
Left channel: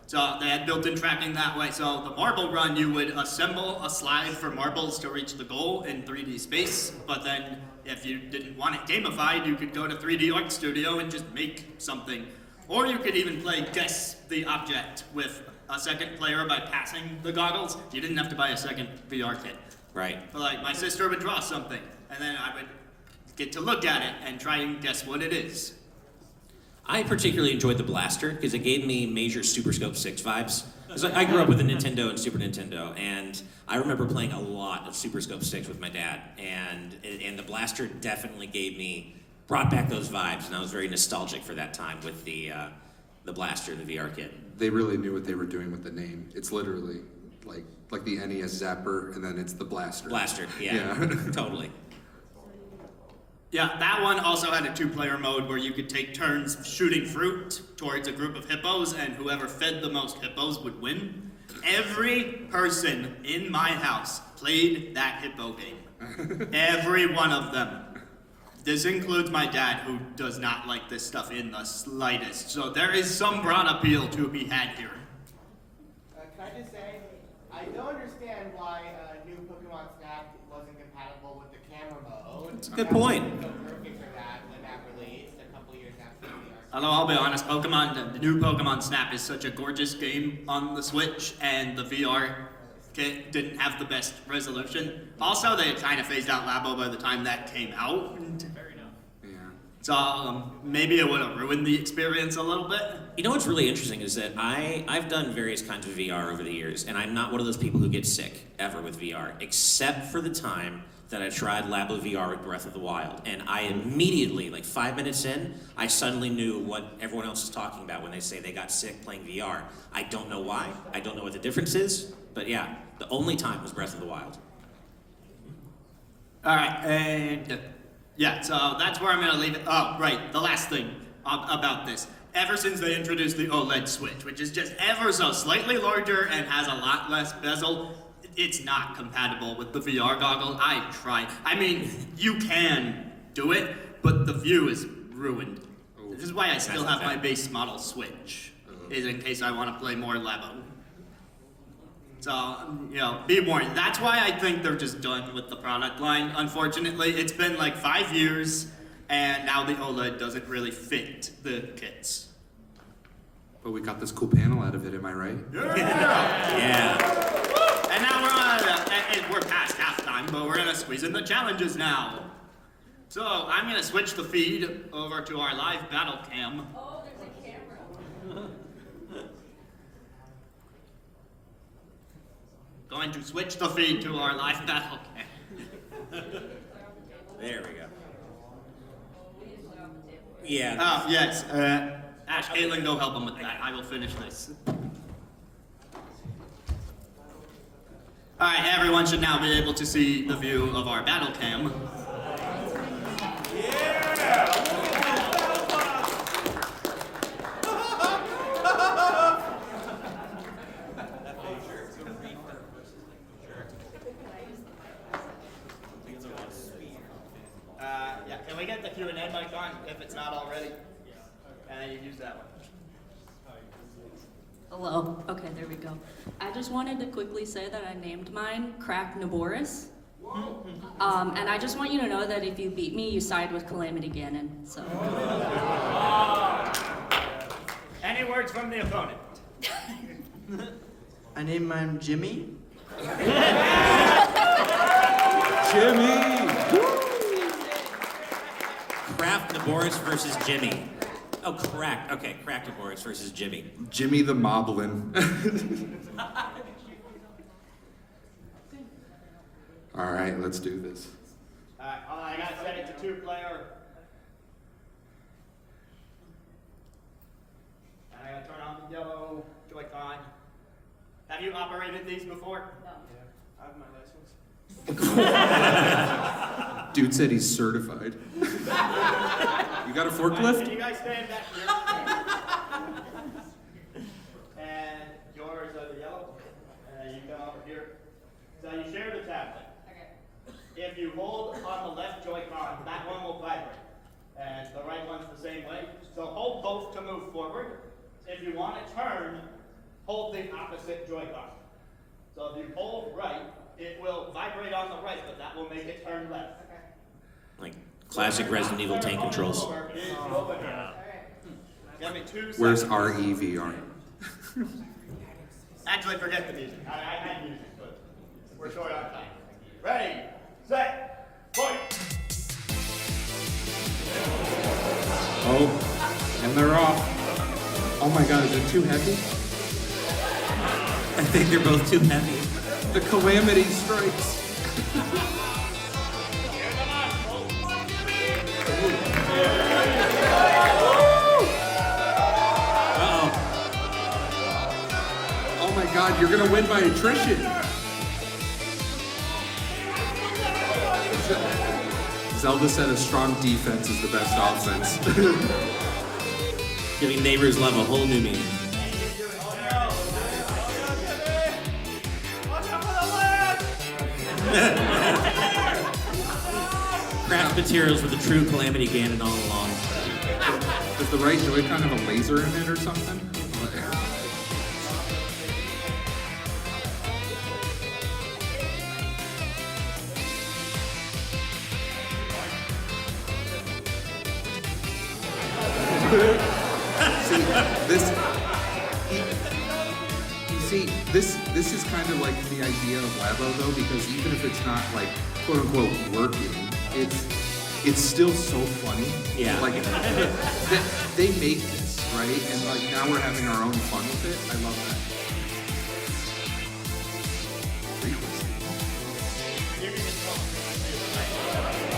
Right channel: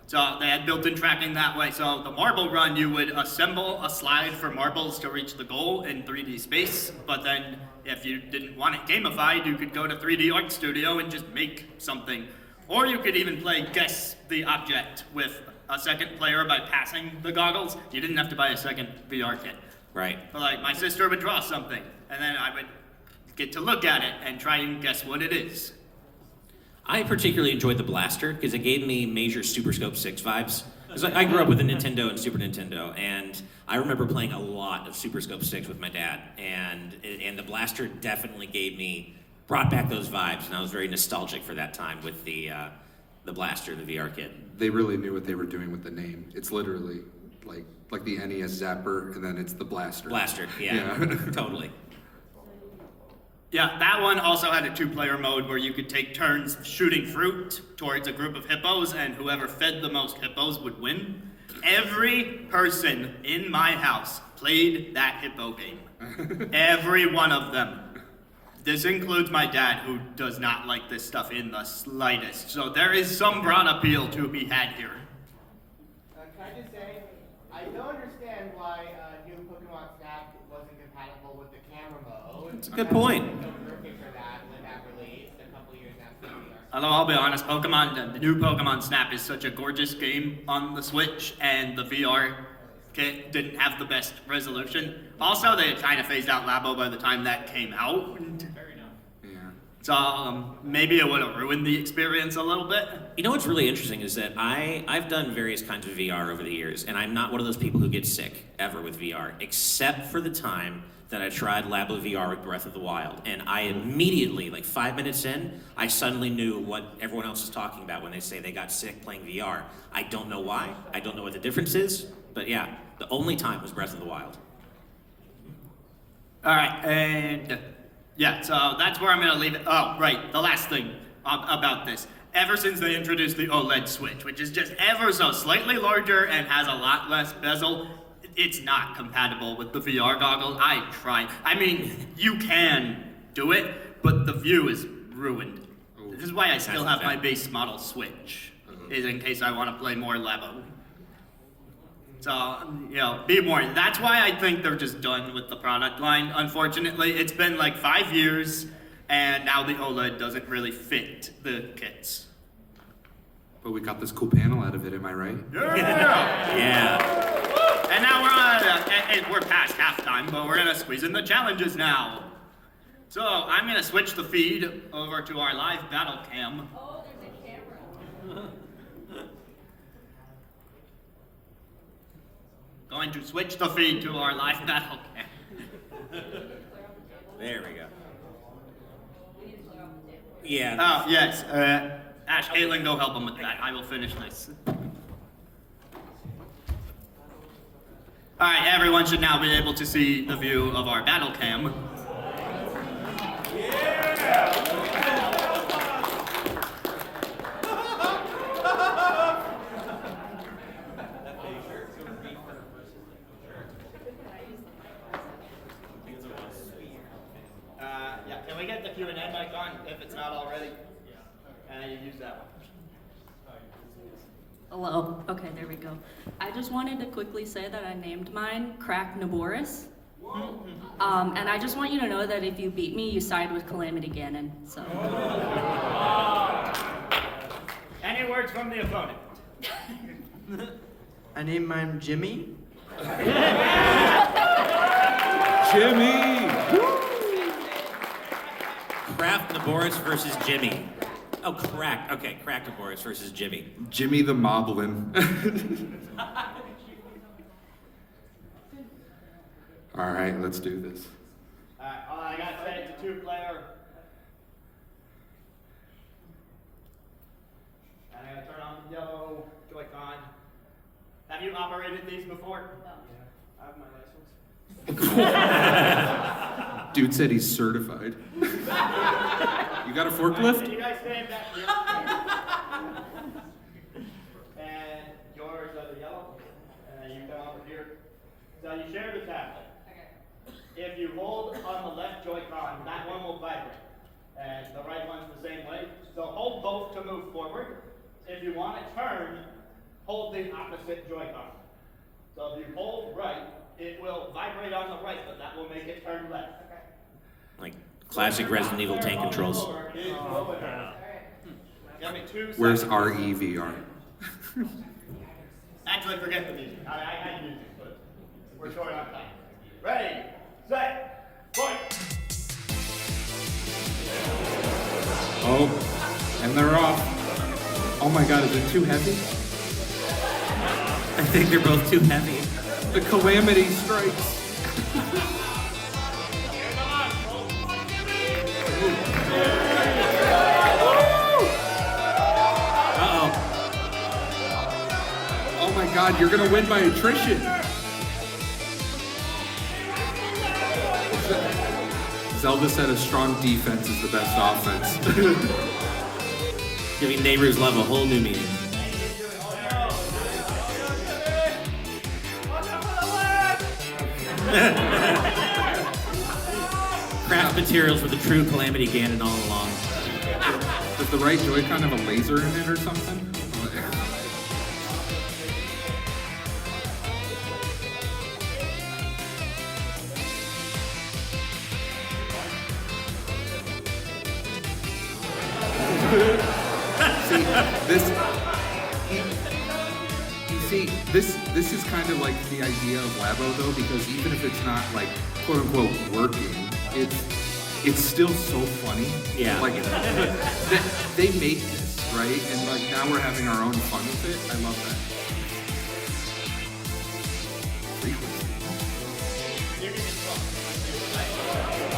So they had built-in tracking that way. So the marble run, you would assemble a slide for marbles to reach the goal in 3D space. But then if you didn't want it gamified, you could go to 3D Art Studio and just make something. Or you could even play Guess the Object with a second player by passing the goggles. You didn't have to buy a second VR kit. Right. Like my sister would draw something, and then I would get to look at it and try and guess what it is. I particularly enjoyed the blaster because it gave me major Super Scope 6 vibes. 'Cause I grew up with a Nintendo and Super Nintendo, and I remember playing a lot of Super Scope 6 with my dad, and the blaster definitely brought back those vibes, and I was very nostalgic for that time with the blaster, the VR kit. They really knew what they were doing with the name. It's literally like the NES Zapper, and then it's the blaster. Blaster, yeah. Totally. Yeah, that one also had a 2-player mode where you could take turns shooting fruit towards a group of hippos, and whoever fed the most hippos would win. Every person in my house played that hippo game. Every one of them. This includes my dad, who does not like this stuff in the slightest. So there is some broad appeal to be had here. Can I just say, I don't understand why new Pokemon Snap wasn't compatible with the camera mode. It's a good point. Although I'll be honest, the new Pokemon Snap is such a gorgeous game on the Switch, and the VR kit didn't have the best resolution. Also, they had kind of phased out Labo by the time that came out. Yeah. So maybe it would have ruined the experience a little bit. You know what's really interesting is that I've done various kinds of VR over the years, and I'm not one of those people who get sick ever with VR, except for the time that I tried Labo VR with Breath of the Wild. And I immediately, like 5 minutes in, I suddenly knew what everyone else is talking about when they say they got sick playing VR. I don't know why, I don't know what the difference is, but yeah, the only time was Breath of the Wild. All right, and yeah, so that's where I'm gonna leave it. Oh, right, the last thing about this. Ever since they introduced the OLED Switch, which is just ever so slightly larger and has a lot less bezel, it's not compatible with the VR goggle. I tried. I mean, you can do it, but the view is ruined. This is why I still have my base model Switch, is in case I want to play more Labo. So, be warned. That's why I think they're just done with the product line. Unfortunately, it's been like 5 years, and now the OLED doesn't really fit the kits. But we got this cool panel out of it, am I right? Yeah. And now we're past halftime, but we're gonna squeeze in the challenges now. So I'm gonna switch the feed over to our live battle cam. Oh, there's a camera. Going to switch the feed to our live battle cam. There we go. Yeah. Oh, yes. Ash, Caitlin, go help him with that. I will finish this. Alright, everyone should now be able to see the view of our battle cam. Yeah, can we get the Q&A mic on if it's not already? And you use that one. Hello. Okay, there we go. I just wanted to quickly say that I named mine Crack Naboris. And I just want you to know that if you beat me, you side with Calamity Ganon. So. Any words from the opponent? I named mine Jimmy. Jimmy! Kraft Naboris versus Jimmy. Oh, Crack. Okay, Crack Naboris versus Jimmy. Jimmy the Moblin. All right, let's do this. Alright, I gotta set it to 2-player. And I gotta turn on the yellow Joy-Con. Have you operated these before? No. I have my license. Dude said he's certified. You got a forklift? Can you guys stand back here? And yours are the yellow. And you come over here. So you share the tablet. Okay. If you hold on the left Joy-Con, that one will vibrate. And the right one's the same way. So hold both to move forward. If you want to turn, hold the opposite Joy-Con. So if you hold right, it will vibrate on the right, but that will make it turn left. Like classic Resident Evil tank controls. Give me 2 seconds. Where's REVR? Actually, forget the music. I had music, but we're short on time. Ready, set, point. Oh, and they're off. Oh my god, is it too heavy? I think they're both too heavy. The calamity strikes. Uh-oh. Oh my god, you're gonna win by attrition. Zelda said a strong defense is the best offense. Giving Neighbors Love a whole new meaning. Craft materials with a true Calamity Ganon all along. Does the right Joy-Con have a laser in it or something? This is kind of like the idea of Labo though, because even if it's not like quote unquote working, it's still so funny. Yeah. Like they make this, right? And like now we're having our own fun with it. I love that.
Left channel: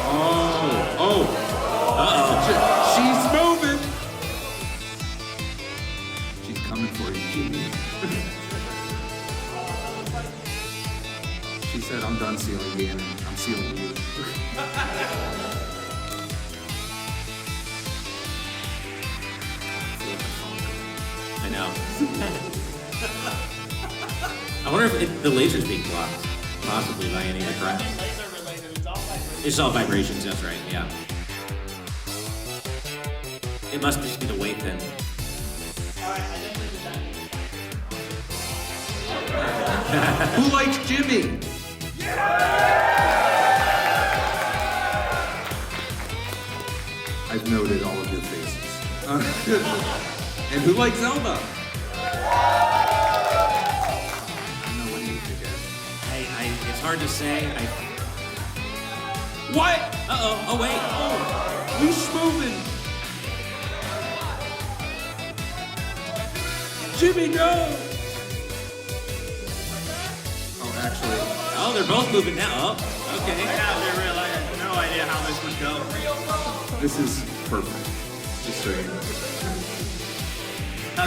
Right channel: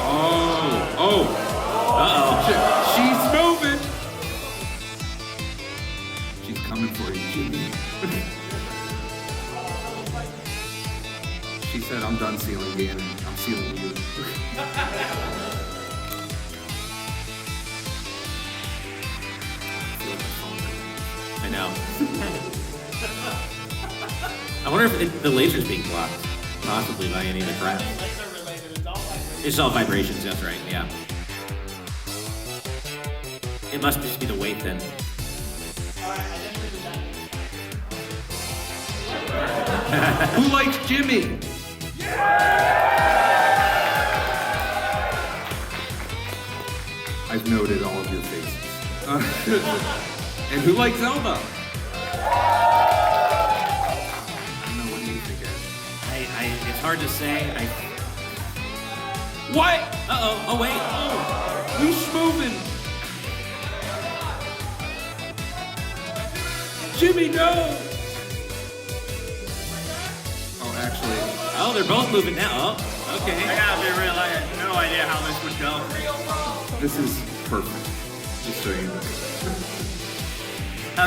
Oh. She's moving. She's coming for you, Jimmy. She said, I'm done sealing the end. I'm sealing you. I know. I wonder if the laser's being blocked. Possibly by any of the crap. It's all vibrations, that's right, yeah. It must just be the wave then. Who likes Jimmy? I've noted all of your faces. And who likes Zelda? It's hard to say. What? Uh-oh, oh wait. Oh. Who's moving? Jimmy, no! Oh, actually. Oh, they're both moving now. Oh, okay. Yeah, we realize I have no idea how this would go. This is perfect. Just so you know.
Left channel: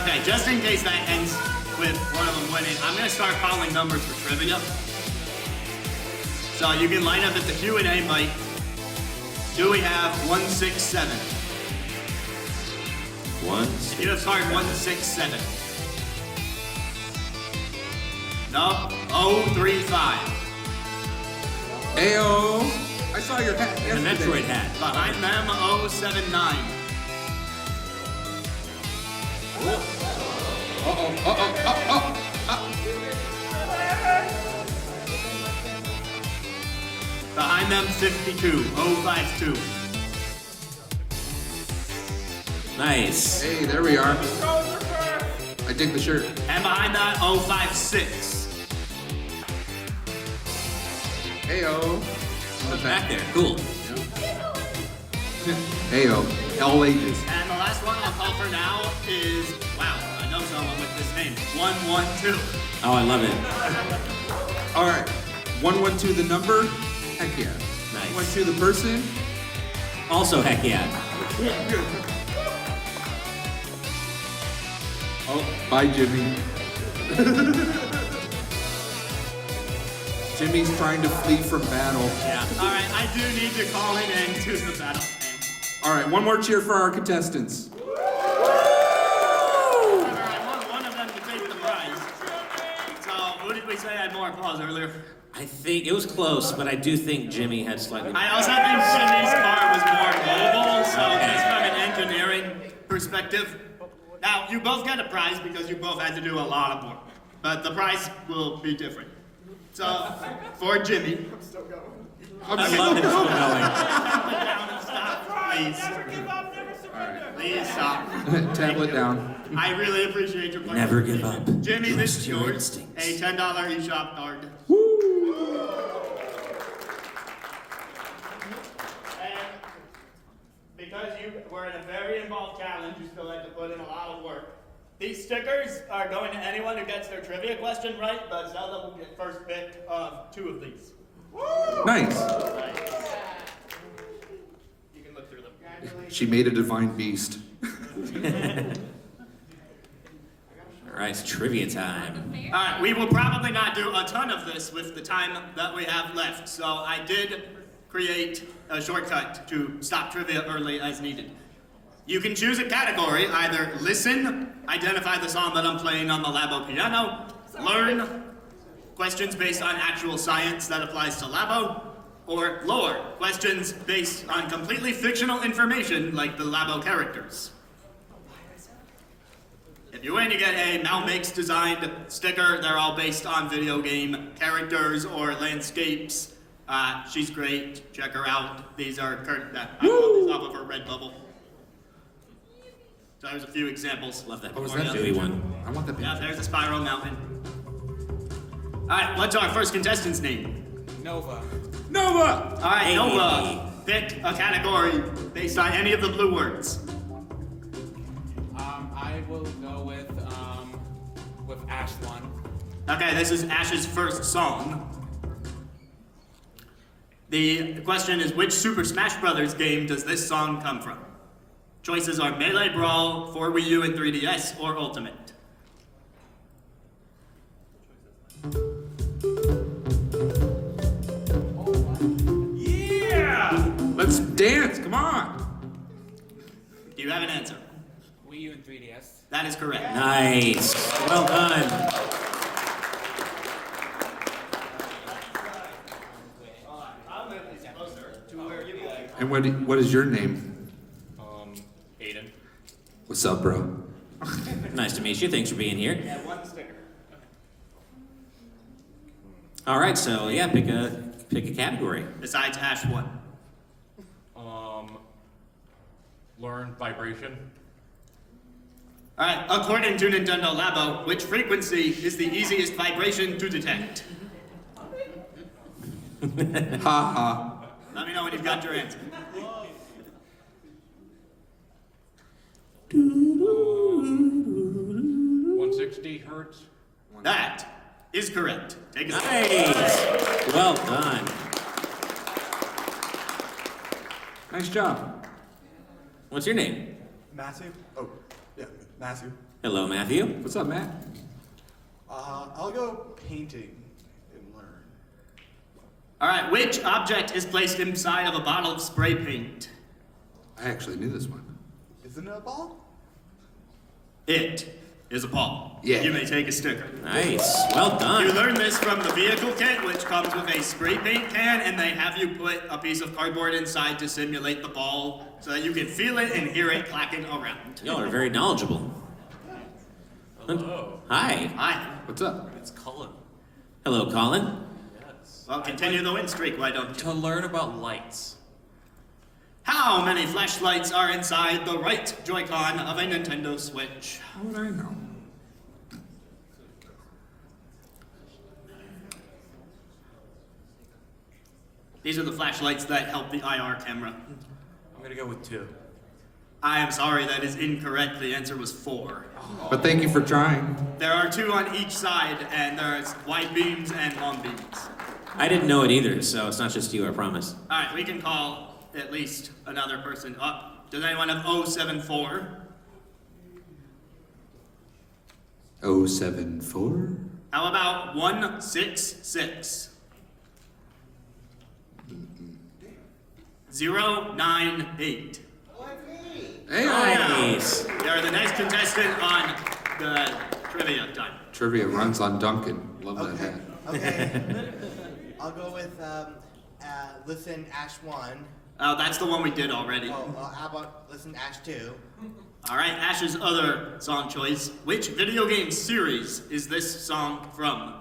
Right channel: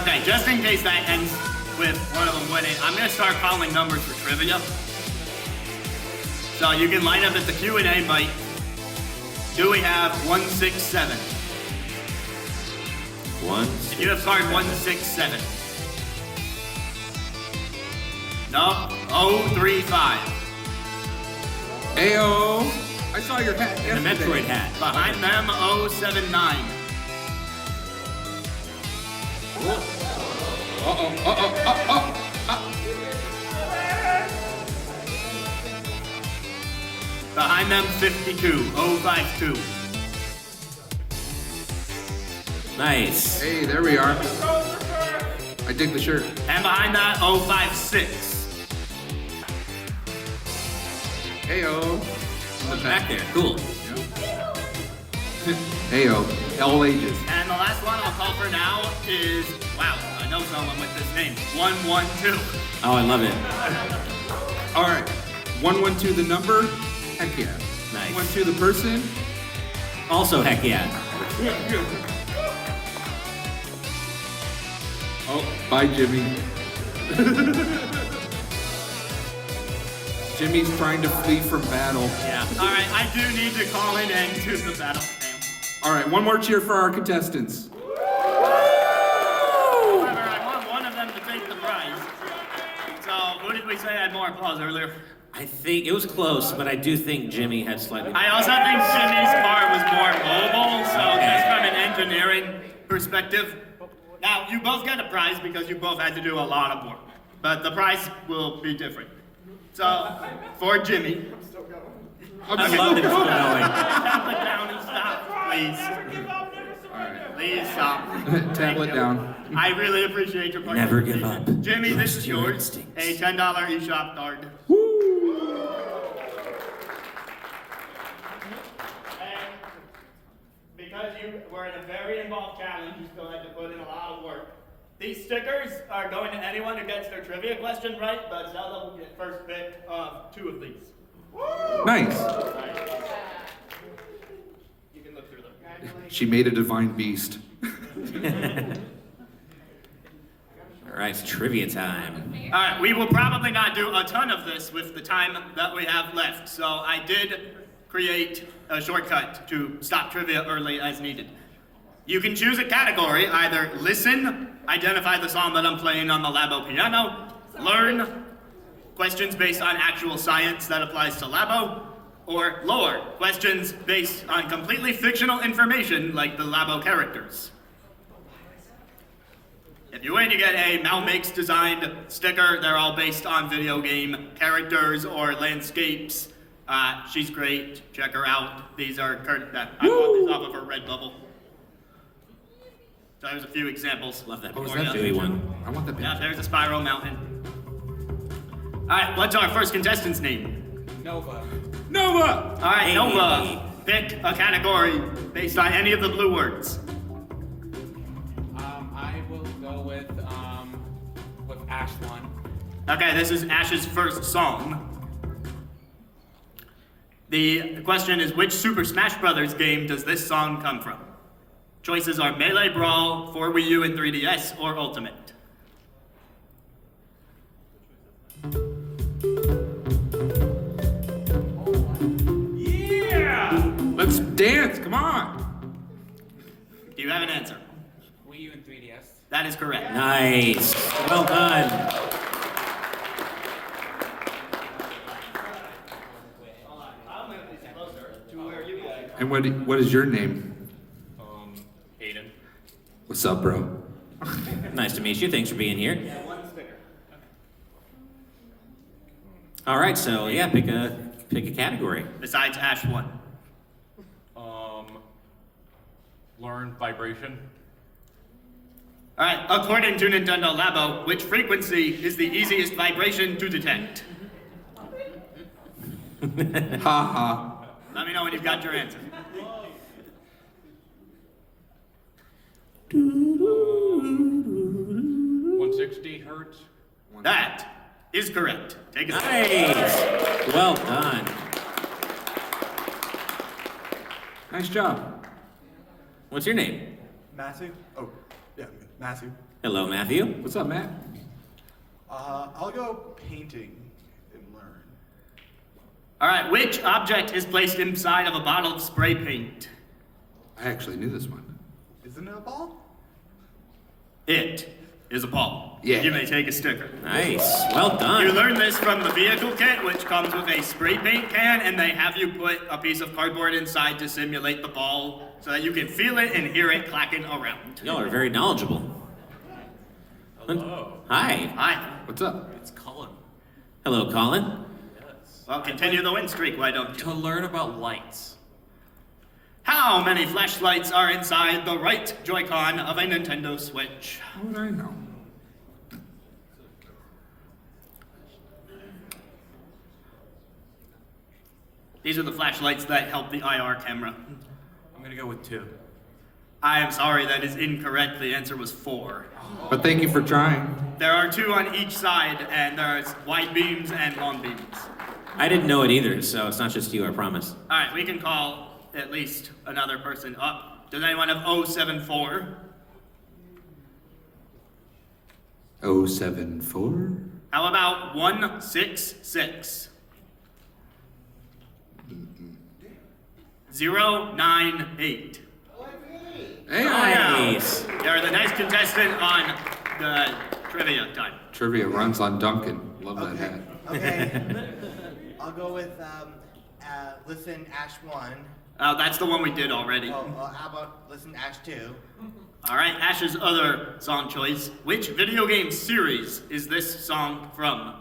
Okay, just in case that ends with one of them winning, I'm gonna start calling numbers for trivia. So you can line up at the Q&A mic. Do we have 167? You have started 167. No, 035. Ayo! I saw your hat The yesterday. Metroid hat. Behind them, 079. Behind them, 52, 052. Nice. Hey, there we are. I dig the shirt. And behind that, 056. Heyo. Back there. Cool. Heyo. All ages. And the last one I'll call for now is, wow, I know someone with this name, 112. Oh, I love it. All right. 112 the number. Heck yeah. Nice. 112 the person. Also, heck yeah. Oh, bye, Jimmy. Jimmy's trying to flee from battle. Yeah. All right, I do need to call an end to the battle. All right, one more cheer for our contestants. I want one of them to take the prize. So, who did we say had more applause earlier? I think it was close, but I do think Jimmy had slightly. I also think Jimmy's car was more mobile, just from an engineering perspective. Now, you both get a prize because you both had to do a lot of work, but the prize will be different. So, for Jimmy, I love that it's still going. tap it down and stop, please. Please stop. Tablet down. I really appreciate your Never give participation. up. Jimmy, this is Trust your yours. A instincts. $10 eShop card. And because you were in a very involved challenge, you still had to put in a lot of work. These stickers are going to anyone who gets their trivia question right, but Zelda will get first pick of 2 of these. Nice. You can look through them. She made a divine beast. All right, it's trivia time. All right, we will probably not do a ton of this with the time that we have left, so I did create a shortcut to stop trivia early as needed. You can choose a category, either listen, identify the song that I'm playing on the Labo piano, learn, questions based on actual science that applies to Labo, or lore, questions based on completely fictional information like the Labo characters. If you win, you get a Mal Makes designed sticker. They're all based on video game characters or landscapes. She's great. Check her out. These are I bought these off of her Redbubble. So there's a few examples. Love that. Oh, is For that you. Dewey one. I want the Yeah, picture. there's a spiral mountain. All right, what's our first contestant's name? Nova. All right, Hey. Nova. Pick a category based on any of the blue words. I will go with Ash one. Okay, this is Ash's first song. The question is, which Super Smash Bros. Game does this song come from? Choices are Melee Brawl, for Wii U and 3DS, or Ultimate. Let's dance, come on. Do you have an answer? Wii U and 3DS. That is correct. Nice. Well done. I'll move these closer to where you like. And what is your name? Aiden. What's up, bro? Nice to meet you. Thanks for being here. Yeah, one sticker. All right, so yeah, pick a category. Besides Ash 1. Learn vibration. All right, according to Nintendo Labo, which frequency is the easiest vibration to detect? Ha ha. Let me know when you've got your answer. 160 hertz. That is correct. Take a seat. Nice. Well done. Nice job. What's your name? Matthew? Oh, yeah, Matthew. Hello, Matthew. What's up, Matt? I'll go painting and learn. All right, which object is placed inside of a bottle of spray paint? I actually knew this one. Isn't it a ball? It is a ball. Yeah. You may take a sticker. Nice. Well You done. learned this from the vehicle kit, which comes with a spray paint can, and they have you put a piece of cardboard inside to simulate the ball so that you can feel it and hear it clacking around. Y'all are very knowledgeable. Hello. Hi. Hi. What's up? It's Cullen. Hello, Colin. Well, continue the win streak, why don't you? To learn about lights. How many flashlights are inside the right Joy-Con of a Nintendo Switch? How would I know? These are the flashlights that help the IR camera. I'm gonna go with 2. I am sorry, that is incorrect. The answer was 4. But thank you for trying. There are 2 on each side, and there's wide beams and long beams. I didn't know it either, so it's not just you, I promise. All right, we can call at least another person up. Does anyone have 074? 074? How about 166? 098. Hey, Nice. You're the nice contestant on the trivia time. Trivia runs on Duncan. Love that hat. Okay. I'll go with listen, Ash 1. That's the one we did already. Oh, well, how about listen to Ash 2? Alright, Ash's other song choice. Which video game series is this song from?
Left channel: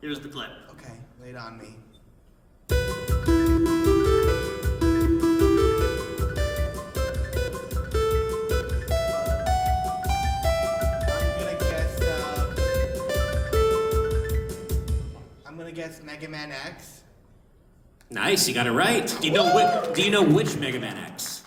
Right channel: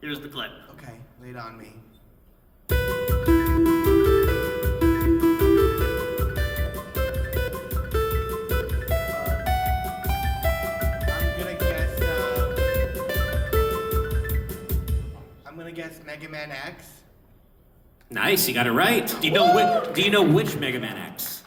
Here's the clip. Okay, lay it on me. I'm gonna guess Mega Man X. Nice, you got it right. Do you know which Mega Man X?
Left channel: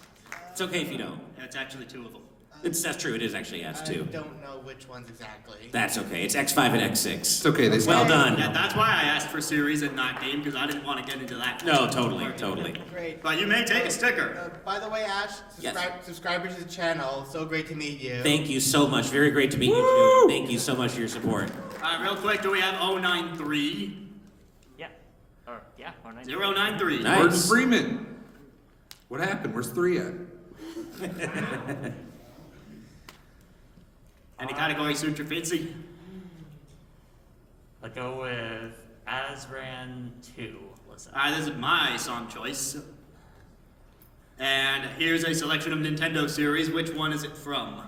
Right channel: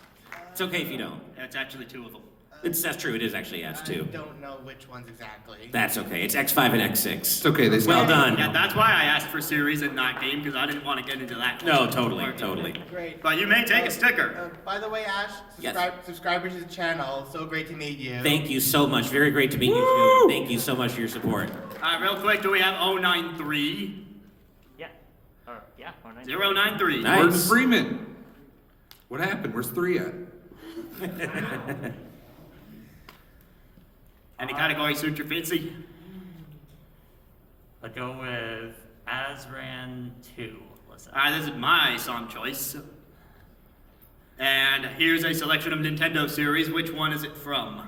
It's okay if you don't. That's actually two of them. That's true. It is actually I S2. don't know which ones exactly. That's okay. It's X5 and X6. It's okay, they Well done. Yeah, that's why I asked for series and not game, because I didn't want to get into that. No, totally. Great. But you may take a sticker. By the way, Ash, Yes. subscribe to the channel. So great to meet you. Thank you so much. Very great to meet you too. Thank you so much for your support. Real quick, do we have 093? Yeah. Or, yeah, or 9. 093. Nice. Gordon Freeman. What happened? Where's 3 at? Any category suit your fancy? I'll go with Azran 2. Listen. This is my song choice. And here's a selection of Nintendo series. Which one is it from?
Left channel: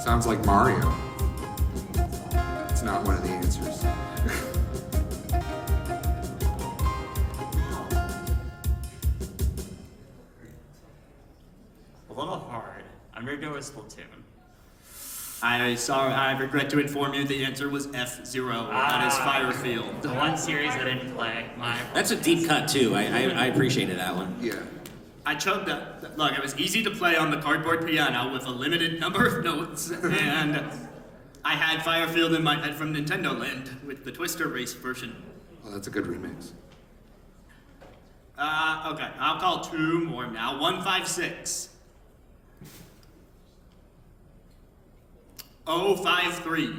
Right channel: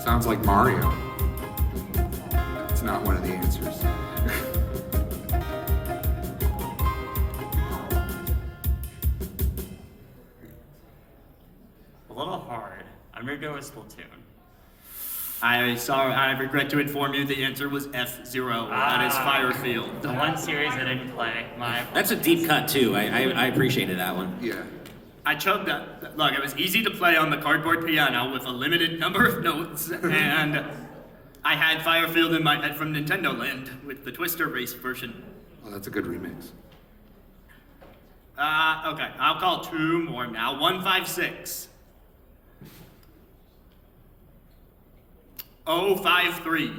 Sounds like Mario. It's not one of the answers. A little hard. I'm gonna go with Splatoon. I regret to inform you the answer was F-Zero. That is Firefield. The one series I didn't play. That's a deep cut too. I appreciated that one. Yeah. I chugged that. Look, it was easy to play on the cardboard piano with a limited number of notes, and I had Firefield in my head from Nintendo Land with the Twister Race version. Oh, that's a good remix. Okay, I'll call two more now. 156. 053.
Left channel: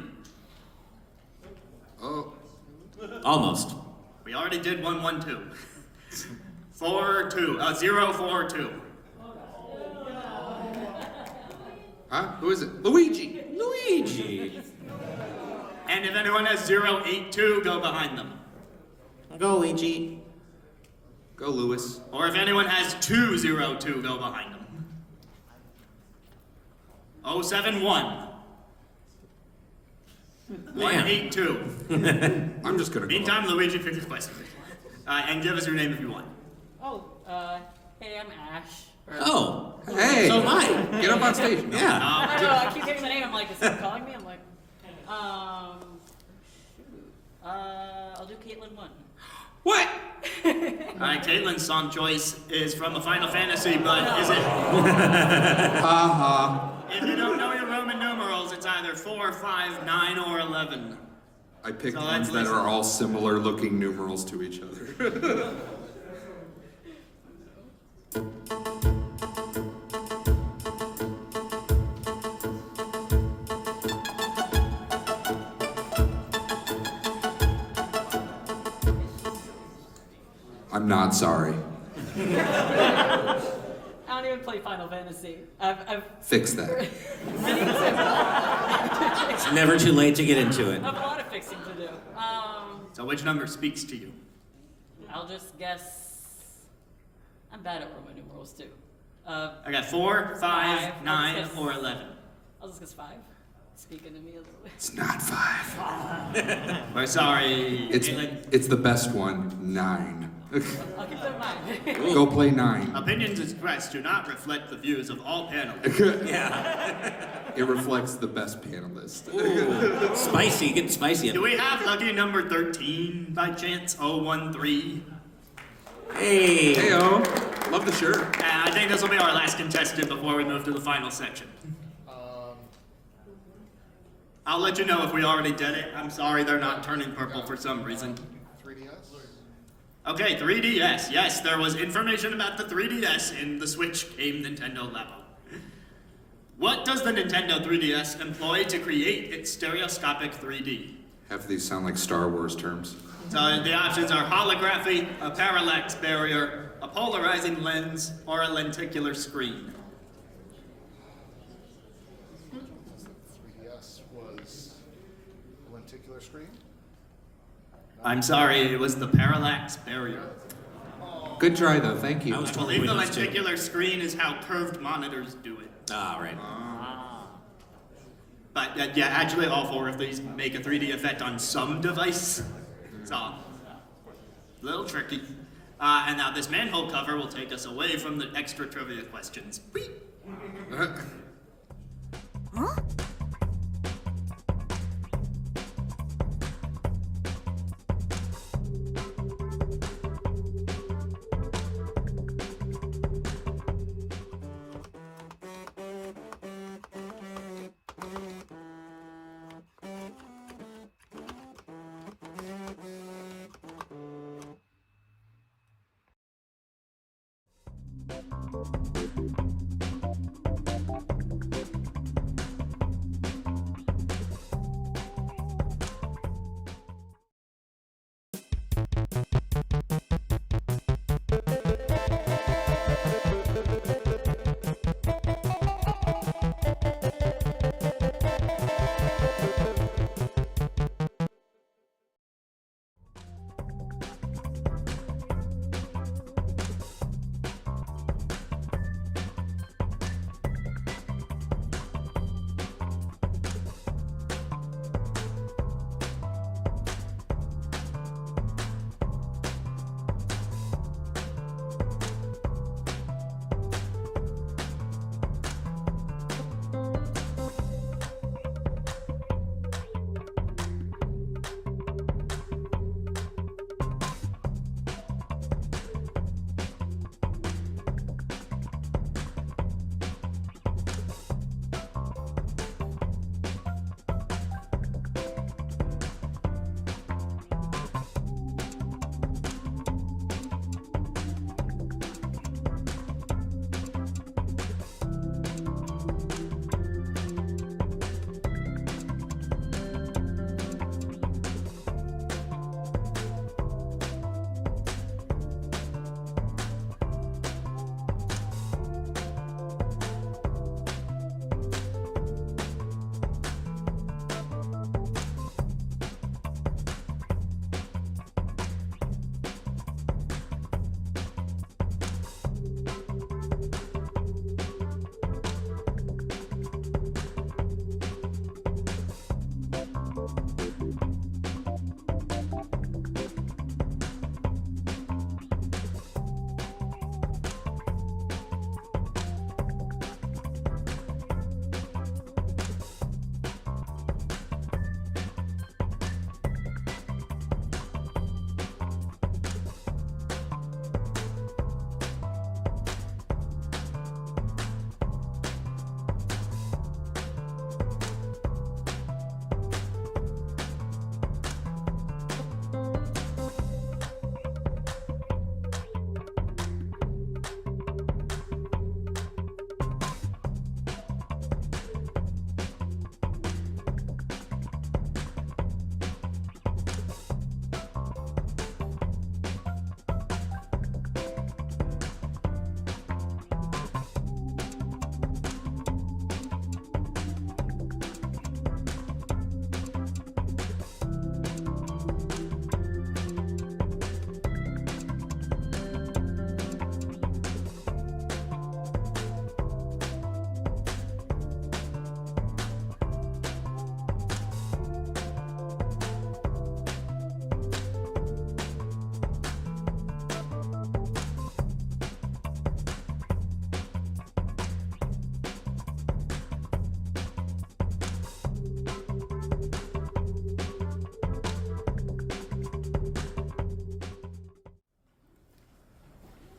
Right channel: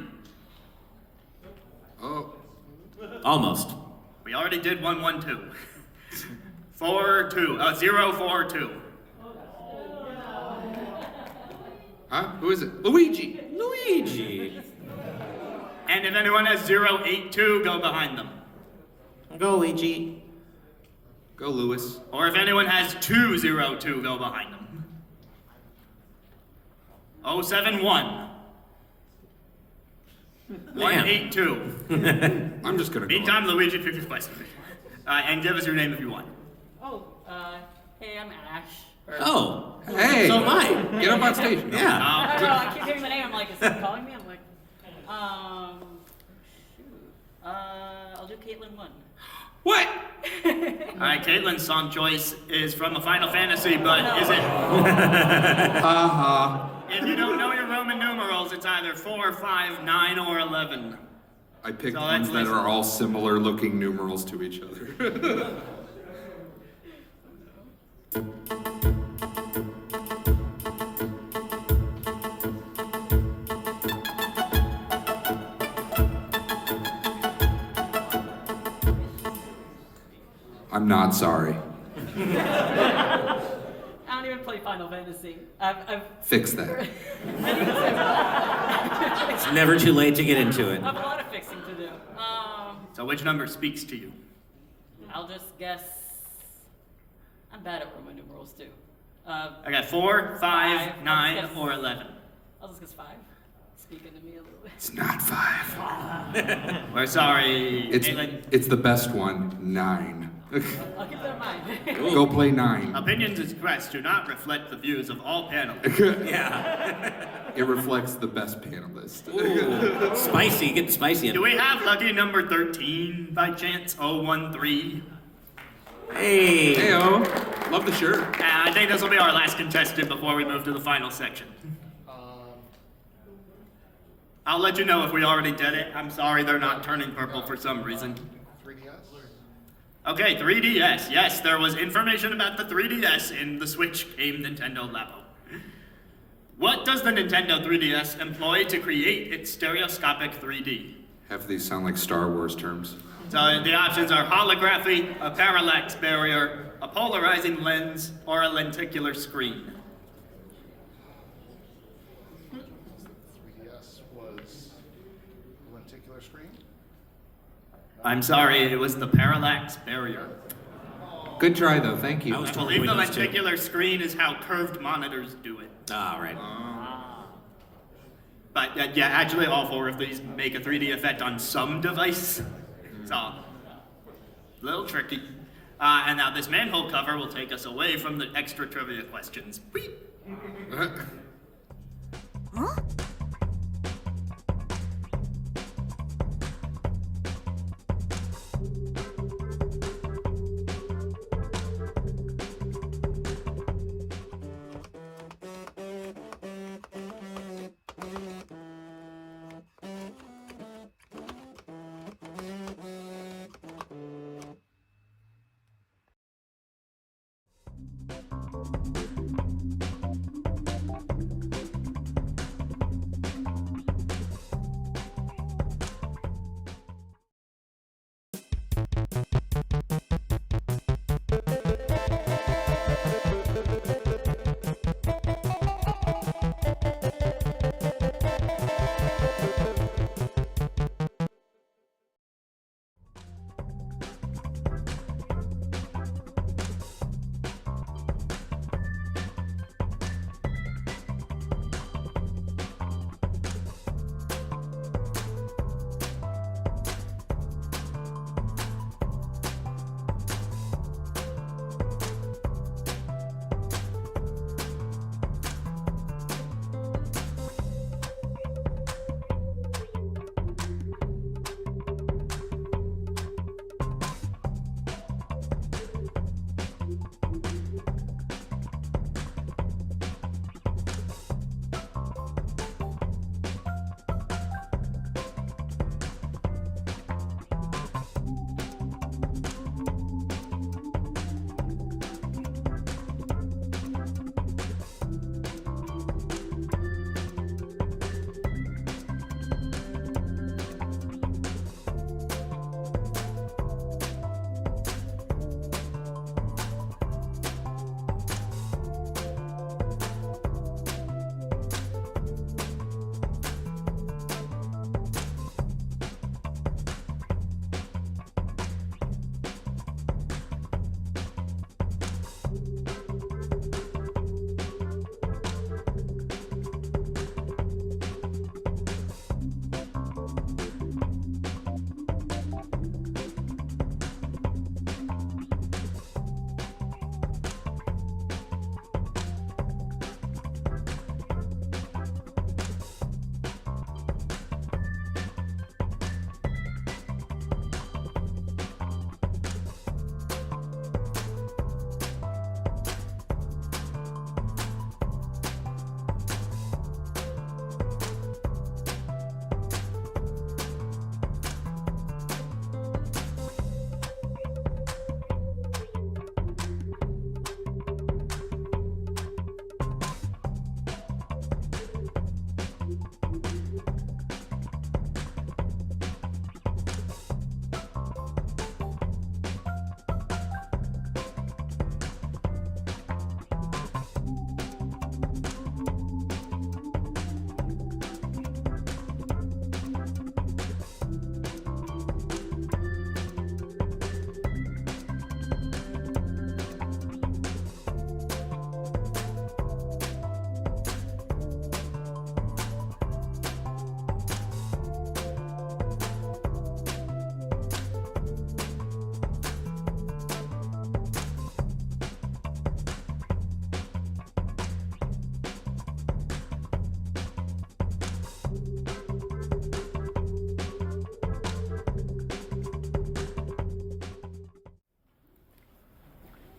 Oh, Almost. We already did 112. 42. 042. huh? Who is it? Luigi. Luigi. And if anyone has 082, go behind them. Go Luigi. Go, Lewis. Or if anyone has 202, go behind them. 071. 182. I'm just gonna go. Meantime, Luigi, pick your question. And give us your name if you want. Oh, hey, I'm Ash. Oh. Hey! So am I. Get up on stage. Yeah. I don't know, I keep hearing the name, I'm like, is he calling me? I'm like, I'll do Caitlin 1. What? Alright, Caitlin's song choice is from a Final Fantasy, but is it? If you don't know your Roman numerals, it's either 4, 5, 9, or 11. I picked So ones let's that are all similar looking numerals to each other. I'm not sorry. I don't even play Final Fantasy. I've Fix that. It's never too late to get into it. I have a lot of fixing to do. So which number speaks to you? I'll just guess. I'm bad at Roman numerals too. I got 4, 5, Five. 9, Yes. or 11. I'll just guess 5. Speaking to me a little bit. It's not 5. We're sorry, Caitlin. It's the best one. 9. I'll keep that in mind. Go play 9. Opinions expressed do not reflect the views of all panelists. It reflects the best panelist. Spicy. Get spicy. Do we have lucky number 13 by chance? 013? Hey. Heyo. Love the shirt. I think this will be our last contestant before we move to the final section. I'll let you know if we already did it. I'm sorry they're not turning purple for some reason. 3DS? Okay, 3DS. Yes, there was information about the 3DS in the Switch game Nintendo Labo. What does the Nintendo 3DS employ to create its stereoscopic 3D? Half of these sound like Star Wars terms. So the options are holography, a parallax barrier, a polarizing lens, or a lenticular screen. 3DS was lenticular screen? I'm sorry, it was the parallax barrier. Good try though, thank you. I was I totally believe the with those two. lenticular screen is how curved monitors do it. Ah, right. But yeah, actually all 4 of these make a 3D effect on some device. So, a little tricky. And now this manhole cover will take us away from the extra trivia questions. Whee!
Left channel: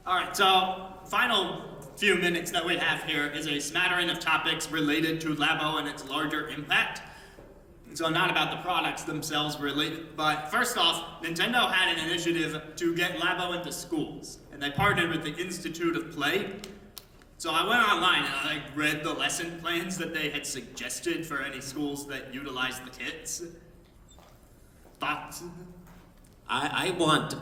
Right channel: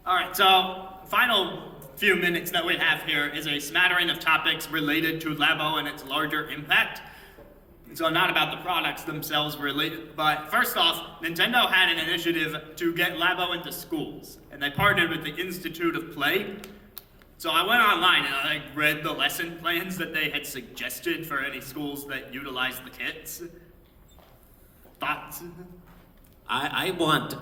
All right, so final few minutes that we have here is a smattering of topics related to Labo and its larger impact. So not about the products themselves really, but first off, Nintendo had an initiative to get Labo into schools, and they partnered with the Institute of Play. So I went online and I read the lesson plans that they had suggested for any schools that utilize the kits. Thoughts? I want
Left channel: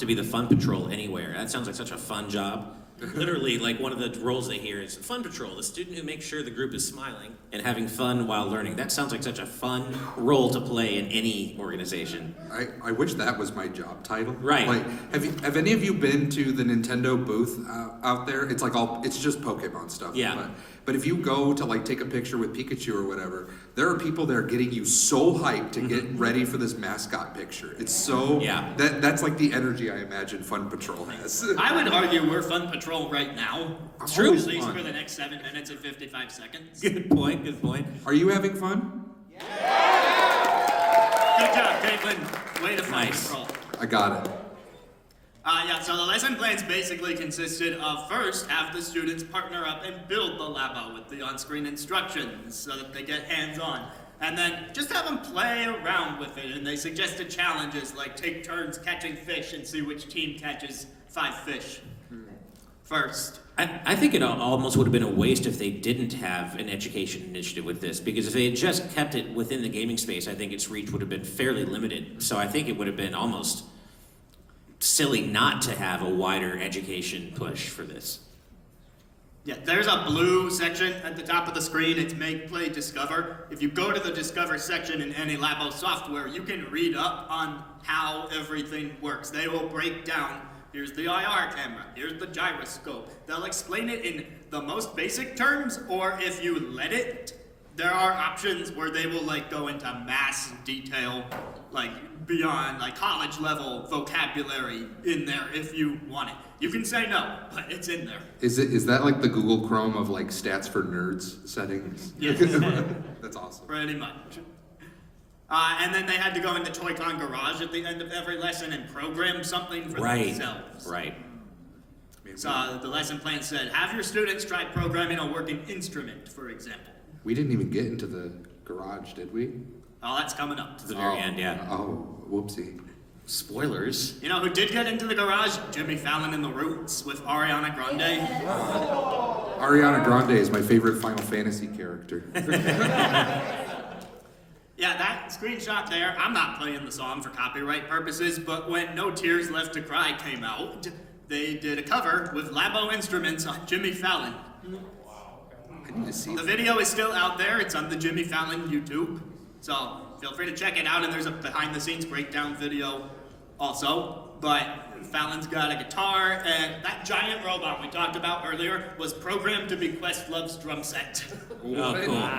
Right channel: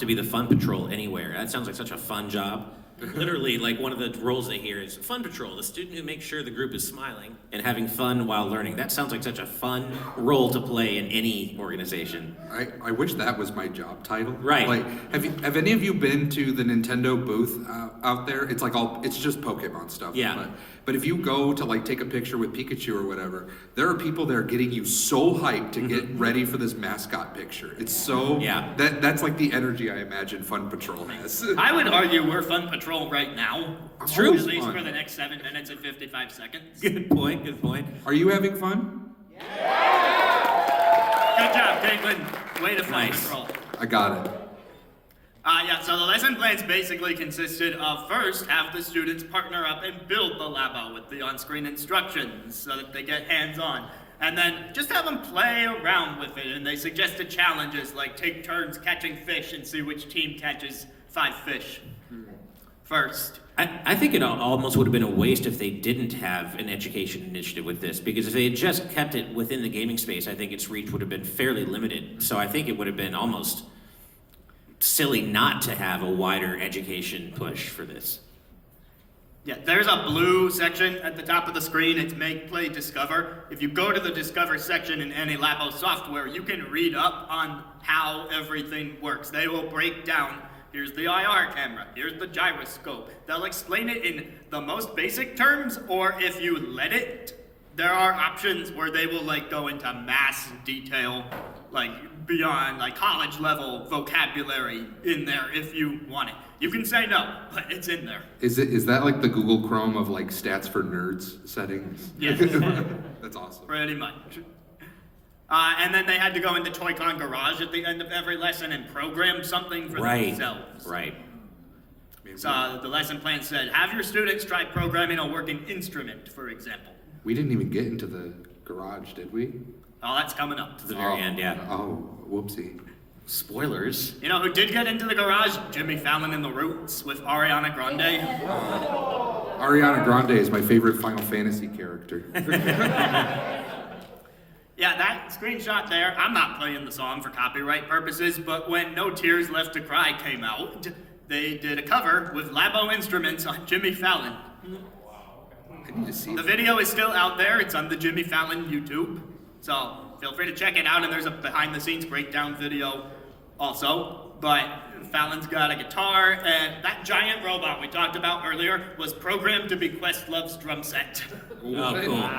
to be the fun patrol anywhere. That sounds like such a fun job. Literally, like one of the roles they hear is Fun Patrol, the student who makes sure the group is smiling and having fun while learning. That sounds like such a fun role to play in any organization. I wish that was my job title. Right. Like, have any of you been to the Nintendo booth out there? It's like it's just Pokemon stuff. Yeah. But if you go to like take a picture with Pikachu or whatever, there are people there getting you so hyped to get ready for this mascot picture. It's so that's like the energy I imagine Fun Patrol has. I would argue we're Fun Patrol right now. It's True. true. At least Fun. for the next 7 minutes and 55 seconds. Good point, good point. Are you having fun? Good job, Caitlin. Way to Fun Nice. Patrol. I got it. So the lesson plans basically consisted of first have the students partner up and build the Labo with the on-screen instructions so that they get hands-on. And then just have them play around with it. And they suggested challenges like take turns catching fish and see which team catches 5 fish first. I think it almost would have been a waste if they didn't have an education initiative with this, because if they had just kept it within the gaming space, I think its reach would have been fairly limited. So I think it would have been almost silly not to have a wider education push for this. Yeah, there's a blue section at the top of the screen. It's Make, Play, Discover. If you go to the Discover section in any Labo software, you can read up on how everything works. They will break down, here's the IR camera, here's the gyroscope. They'll explain it in the most basic terms, or if you let it, there are options where they will like go into mass detail, like beyond like college level vocabulary in there if you want it. You can say no, but it's in there. Is that like the Google Chrome of like stats for nerds settings? Yes. That's awesome. Pretty much. And then they had to go into Toy-Con Garage at the end of every lesson and program something for themselves. Right. So the lesson plan said, have your students try programming a working instrument, for example. We didn't even get into the garage, did we? Oh, that's coming up. To the very end, yeah. Oh, whoopsie. Spoilers. You know who did get into the garage? Jimmy Fallon and the Roots with Ariana Grande. Ariana Grande is my favorite Final Fantasy character. Yeah, that screenshot there, I'm not playing the song for copyright purposes, but when No Tears Left to Cry came out, they did a cover with Labo instruments on Jimmy Fallon. I need to see The video is still out there. It's on the Jimmy Fallon YouTube. So feel free to check it out, and there's a behind-the-scenes breakdown video also. But Fallon's got a guitar, and that giant robot we talked about earlier was programmed to be Questlove's drum set. Oh, cool.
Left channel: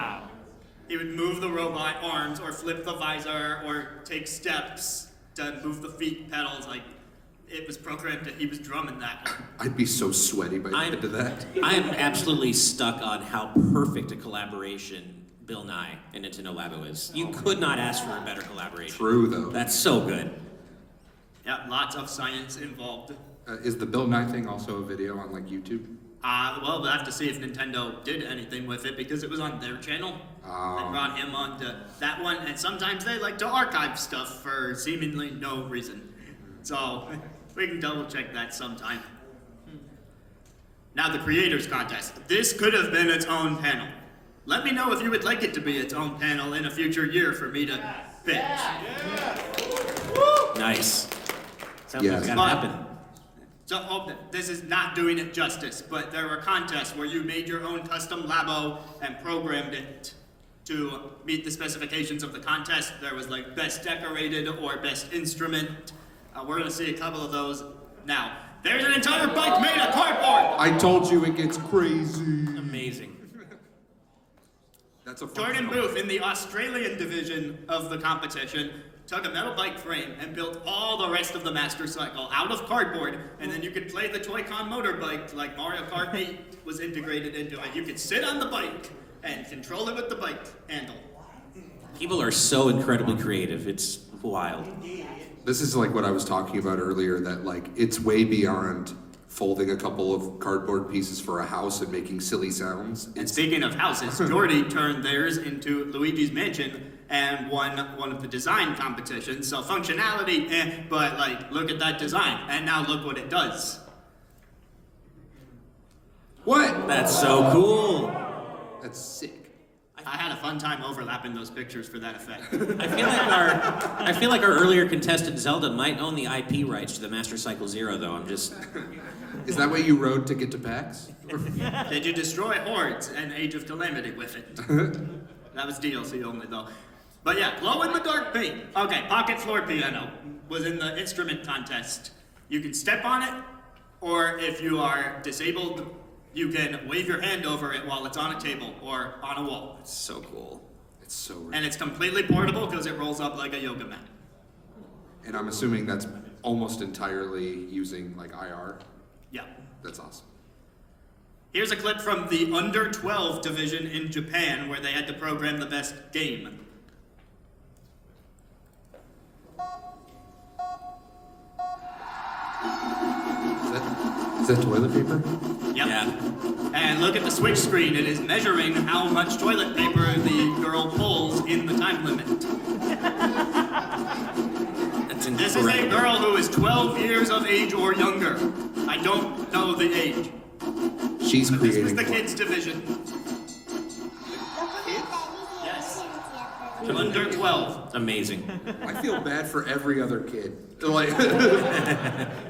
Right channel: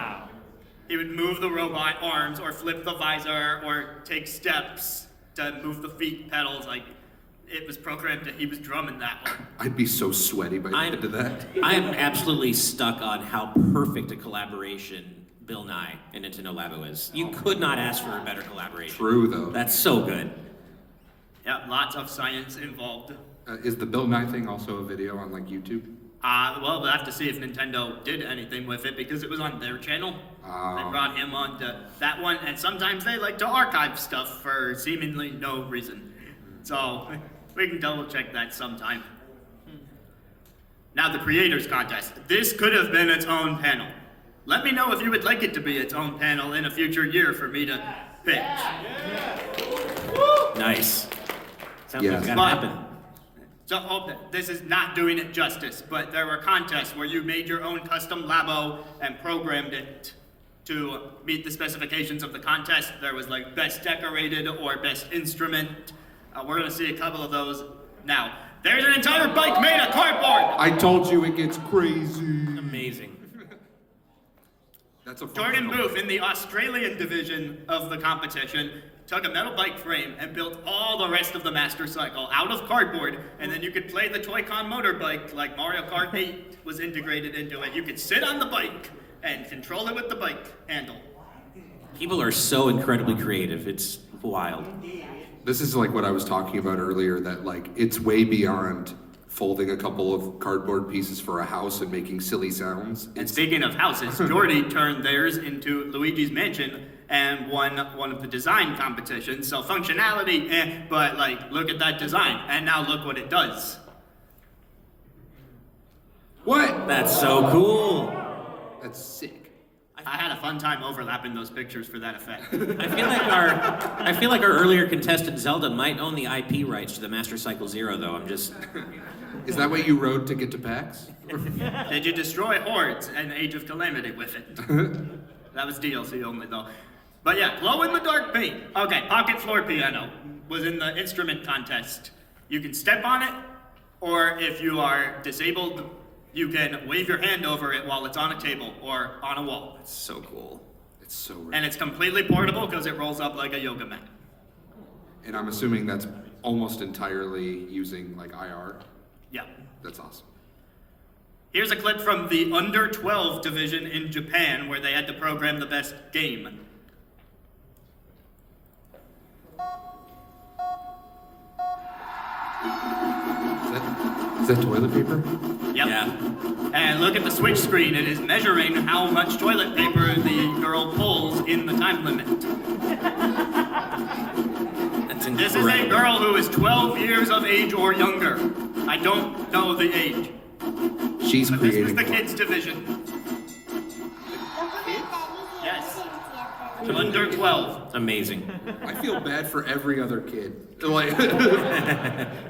He would move the robot arms, or flip the visor, or take steps to move the feet pedals. Like, it was programmed that he was drumming that one. I'd be so sweaty by the end of that. I'm absolutely stuck on how perfect a collaboration Bill Nye and Nintendo Labo is. You could not ask for a better collaboration. True, though. That's so good. Yeah, lots of science involved. Is the Bill Nye thing also a video on like YouTube? Well, we'll have to see if Nintendo did anything with it because it was on their channel. They brought him on to that one, and sometimes they like to archive stuff for seemingly no reason. So we can double check that sometime. Now the Creators Contest. This could have been its own panel. Let me know if you would like it to be its own panel in a future year for me to pitch. Nice. Sounds Yeah. like it's gonna happen. So this is not doing it justice, but there were contests where you made your own custom Labo and programmed it to meet the specifications of the contest. There was like best decorated or best instrument. We're gonna see a couple of those now. There's an entire bike made of cardboard! I told you it gets crazy. Amazing. That's a fun Jordan film. Booth in the Australian division of the competition took a metal bike frame and built all the rest of the Master Cycle out of cardboard, and then you could play the Toy-Con motorbike like Mariokart 8 was integrated into it. You could sit on the bike and control it with the bike handle. People are so incredibly creative. It's wild. This is like what I was talking about earlier, that like it's way beyond folding a couple of cardboard pieces for a house and making silly sounds. And speaking of houses, Jordy turned theirs into Luigi's Mansion and won one of the design competitions. So functionality, but like, look at that design, and now look what it does. What? That's so cool. That's sick. I had a fun time overlapping those pictures for that effect. I feel like our earlier contestant Zelda might own the IP rights to the Master Cycle Zero, though. I'm just Is that what you rode to get to PAX? Did you destroy hordes and Age of Calamity with it? That was DLC only though. But yeah, glow-in-the-dark paint. Okay, pocket floor piano was in the instrument contest. You can step on it, or if you are disabled, you can wave your hand over it while it's on a table or on a wall. It's so cool. It's so rad. And it's completely portable because it rolls up like a yoga mat. And I'm assuming that's almost entirely using like IR. Yeah. That's awesome. Here's a clip from the under 12 division in Japan where they had to program the best game. Is that toilet paper? Yep. Yeah. And look at the switch screen. It is measuring how much toilet paper the girl pulls in the time limit. That's This is a incredible. girl who is 12 years of age or younger. I don't know the age. She's But this was creating. the kids division. Yes. Under 12. It's amazing. I feel bad for every other kid. Like,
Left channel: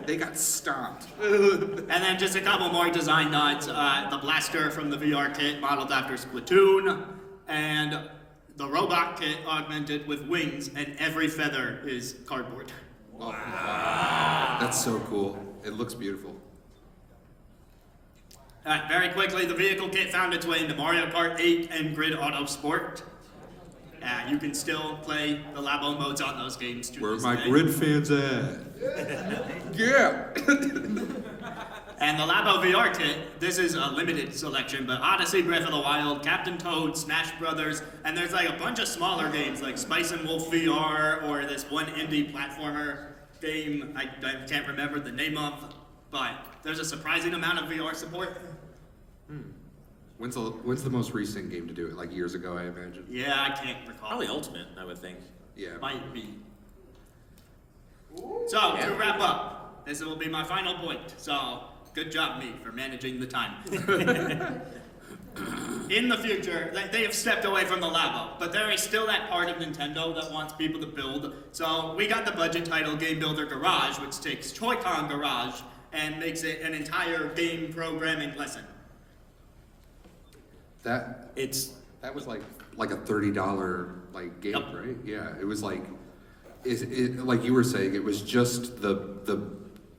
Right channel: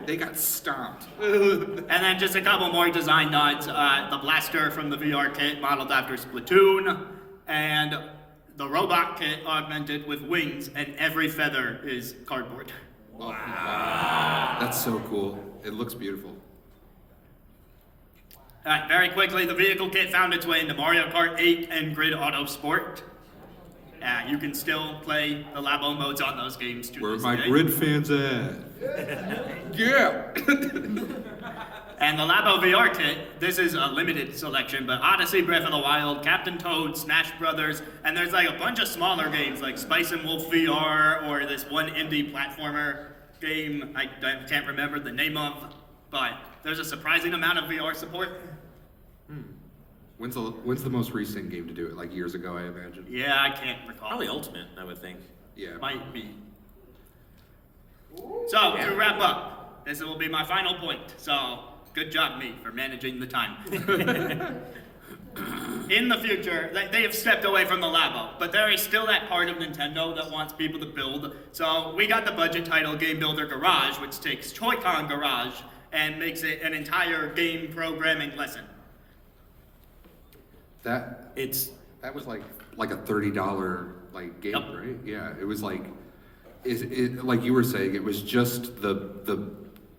they got stomped. And then just a couple more design nods. The blaster from the VR kit modeled after Splatoon. And the robot kit augmented with wings, and every feather is cardboard. Oh, wow. That's so cool. It looks beautiful. Very quickly, the vehicle kit found its way into Mariokart 8 and Grid Auto Sport. You can still play the Labo modes on those games to Where this my day. grid fans at? Yeah. And the Labo VR kit, this is a limited selection, but Odyssey, Breath of the Wild, Captain Toad, Smash Brothers, and there's like a bunch of smaller games like Spice and Wolf VR or this one indie platformer game I can't remember the name of, but there's a surprising amount of VR support. When's the most recent game to do it? Like years ago, I imagine. Yeah, I can't recall. Probably Ultimate, I would think. Yeah. Might be. So, to wrap up, this will be my final point. So, good job, me, for managing the time. In the future, they have stepped away from the Labo, but there is still that part of Nintendo that wants people to build. So, we got the budget title Game Builder Garage, which takes Joy-Con Garage and makes it an entire game programming lesson. That was like a $30 like game, Yep. right? Yeah, it was like, like you were saying, it was just the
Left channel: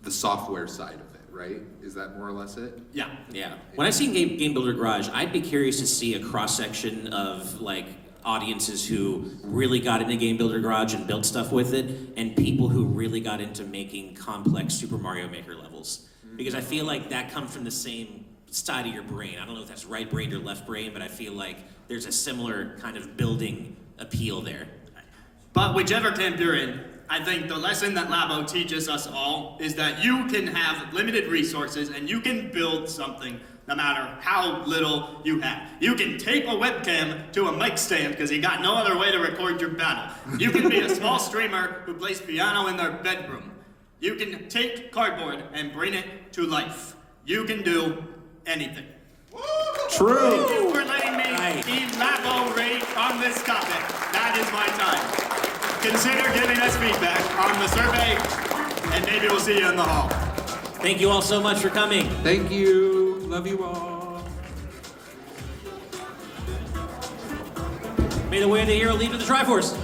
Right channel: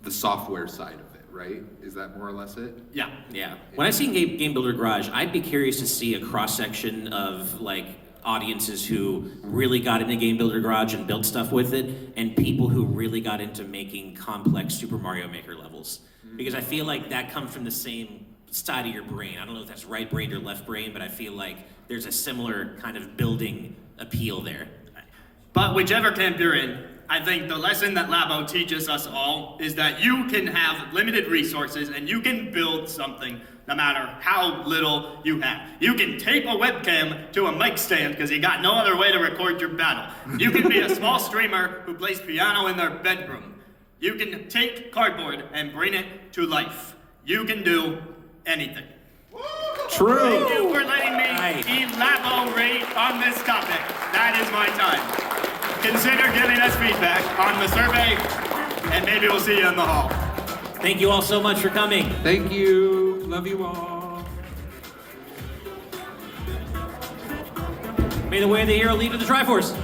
software side of it, right? Is that more or less it? Yeah. Yeah. When I see Game Builder Garage, I'd be curious to see a cross section of like audiences who really got into Game Builder Garage and built stuff with it, and people who really got into making complex Super Mario Maker levels. Because I feel like that comes from the same side of your brain. I don't know if that's right brain or left brain, but I feel like there's a similar kind of building appeal there. But whichever camp you're in, I think the lesson that Labo teaches us all is that you can have limited resources and you can build something no matter how little you have. You can tape a webcam to a mic stand because you got no other way to record your battle. You can be a small streamer who plays piano in their bedroom. You can take cardboard and bring it to life. You can do anything. True. Thank you for letting me Right. elaborate on this topic. That is my time. Consider giving us feedback on the survey, and maybe we'll see you in the hall. Thank you all so much for coming. Thank you. Love you all. May the way of the hero lead to the Triforce.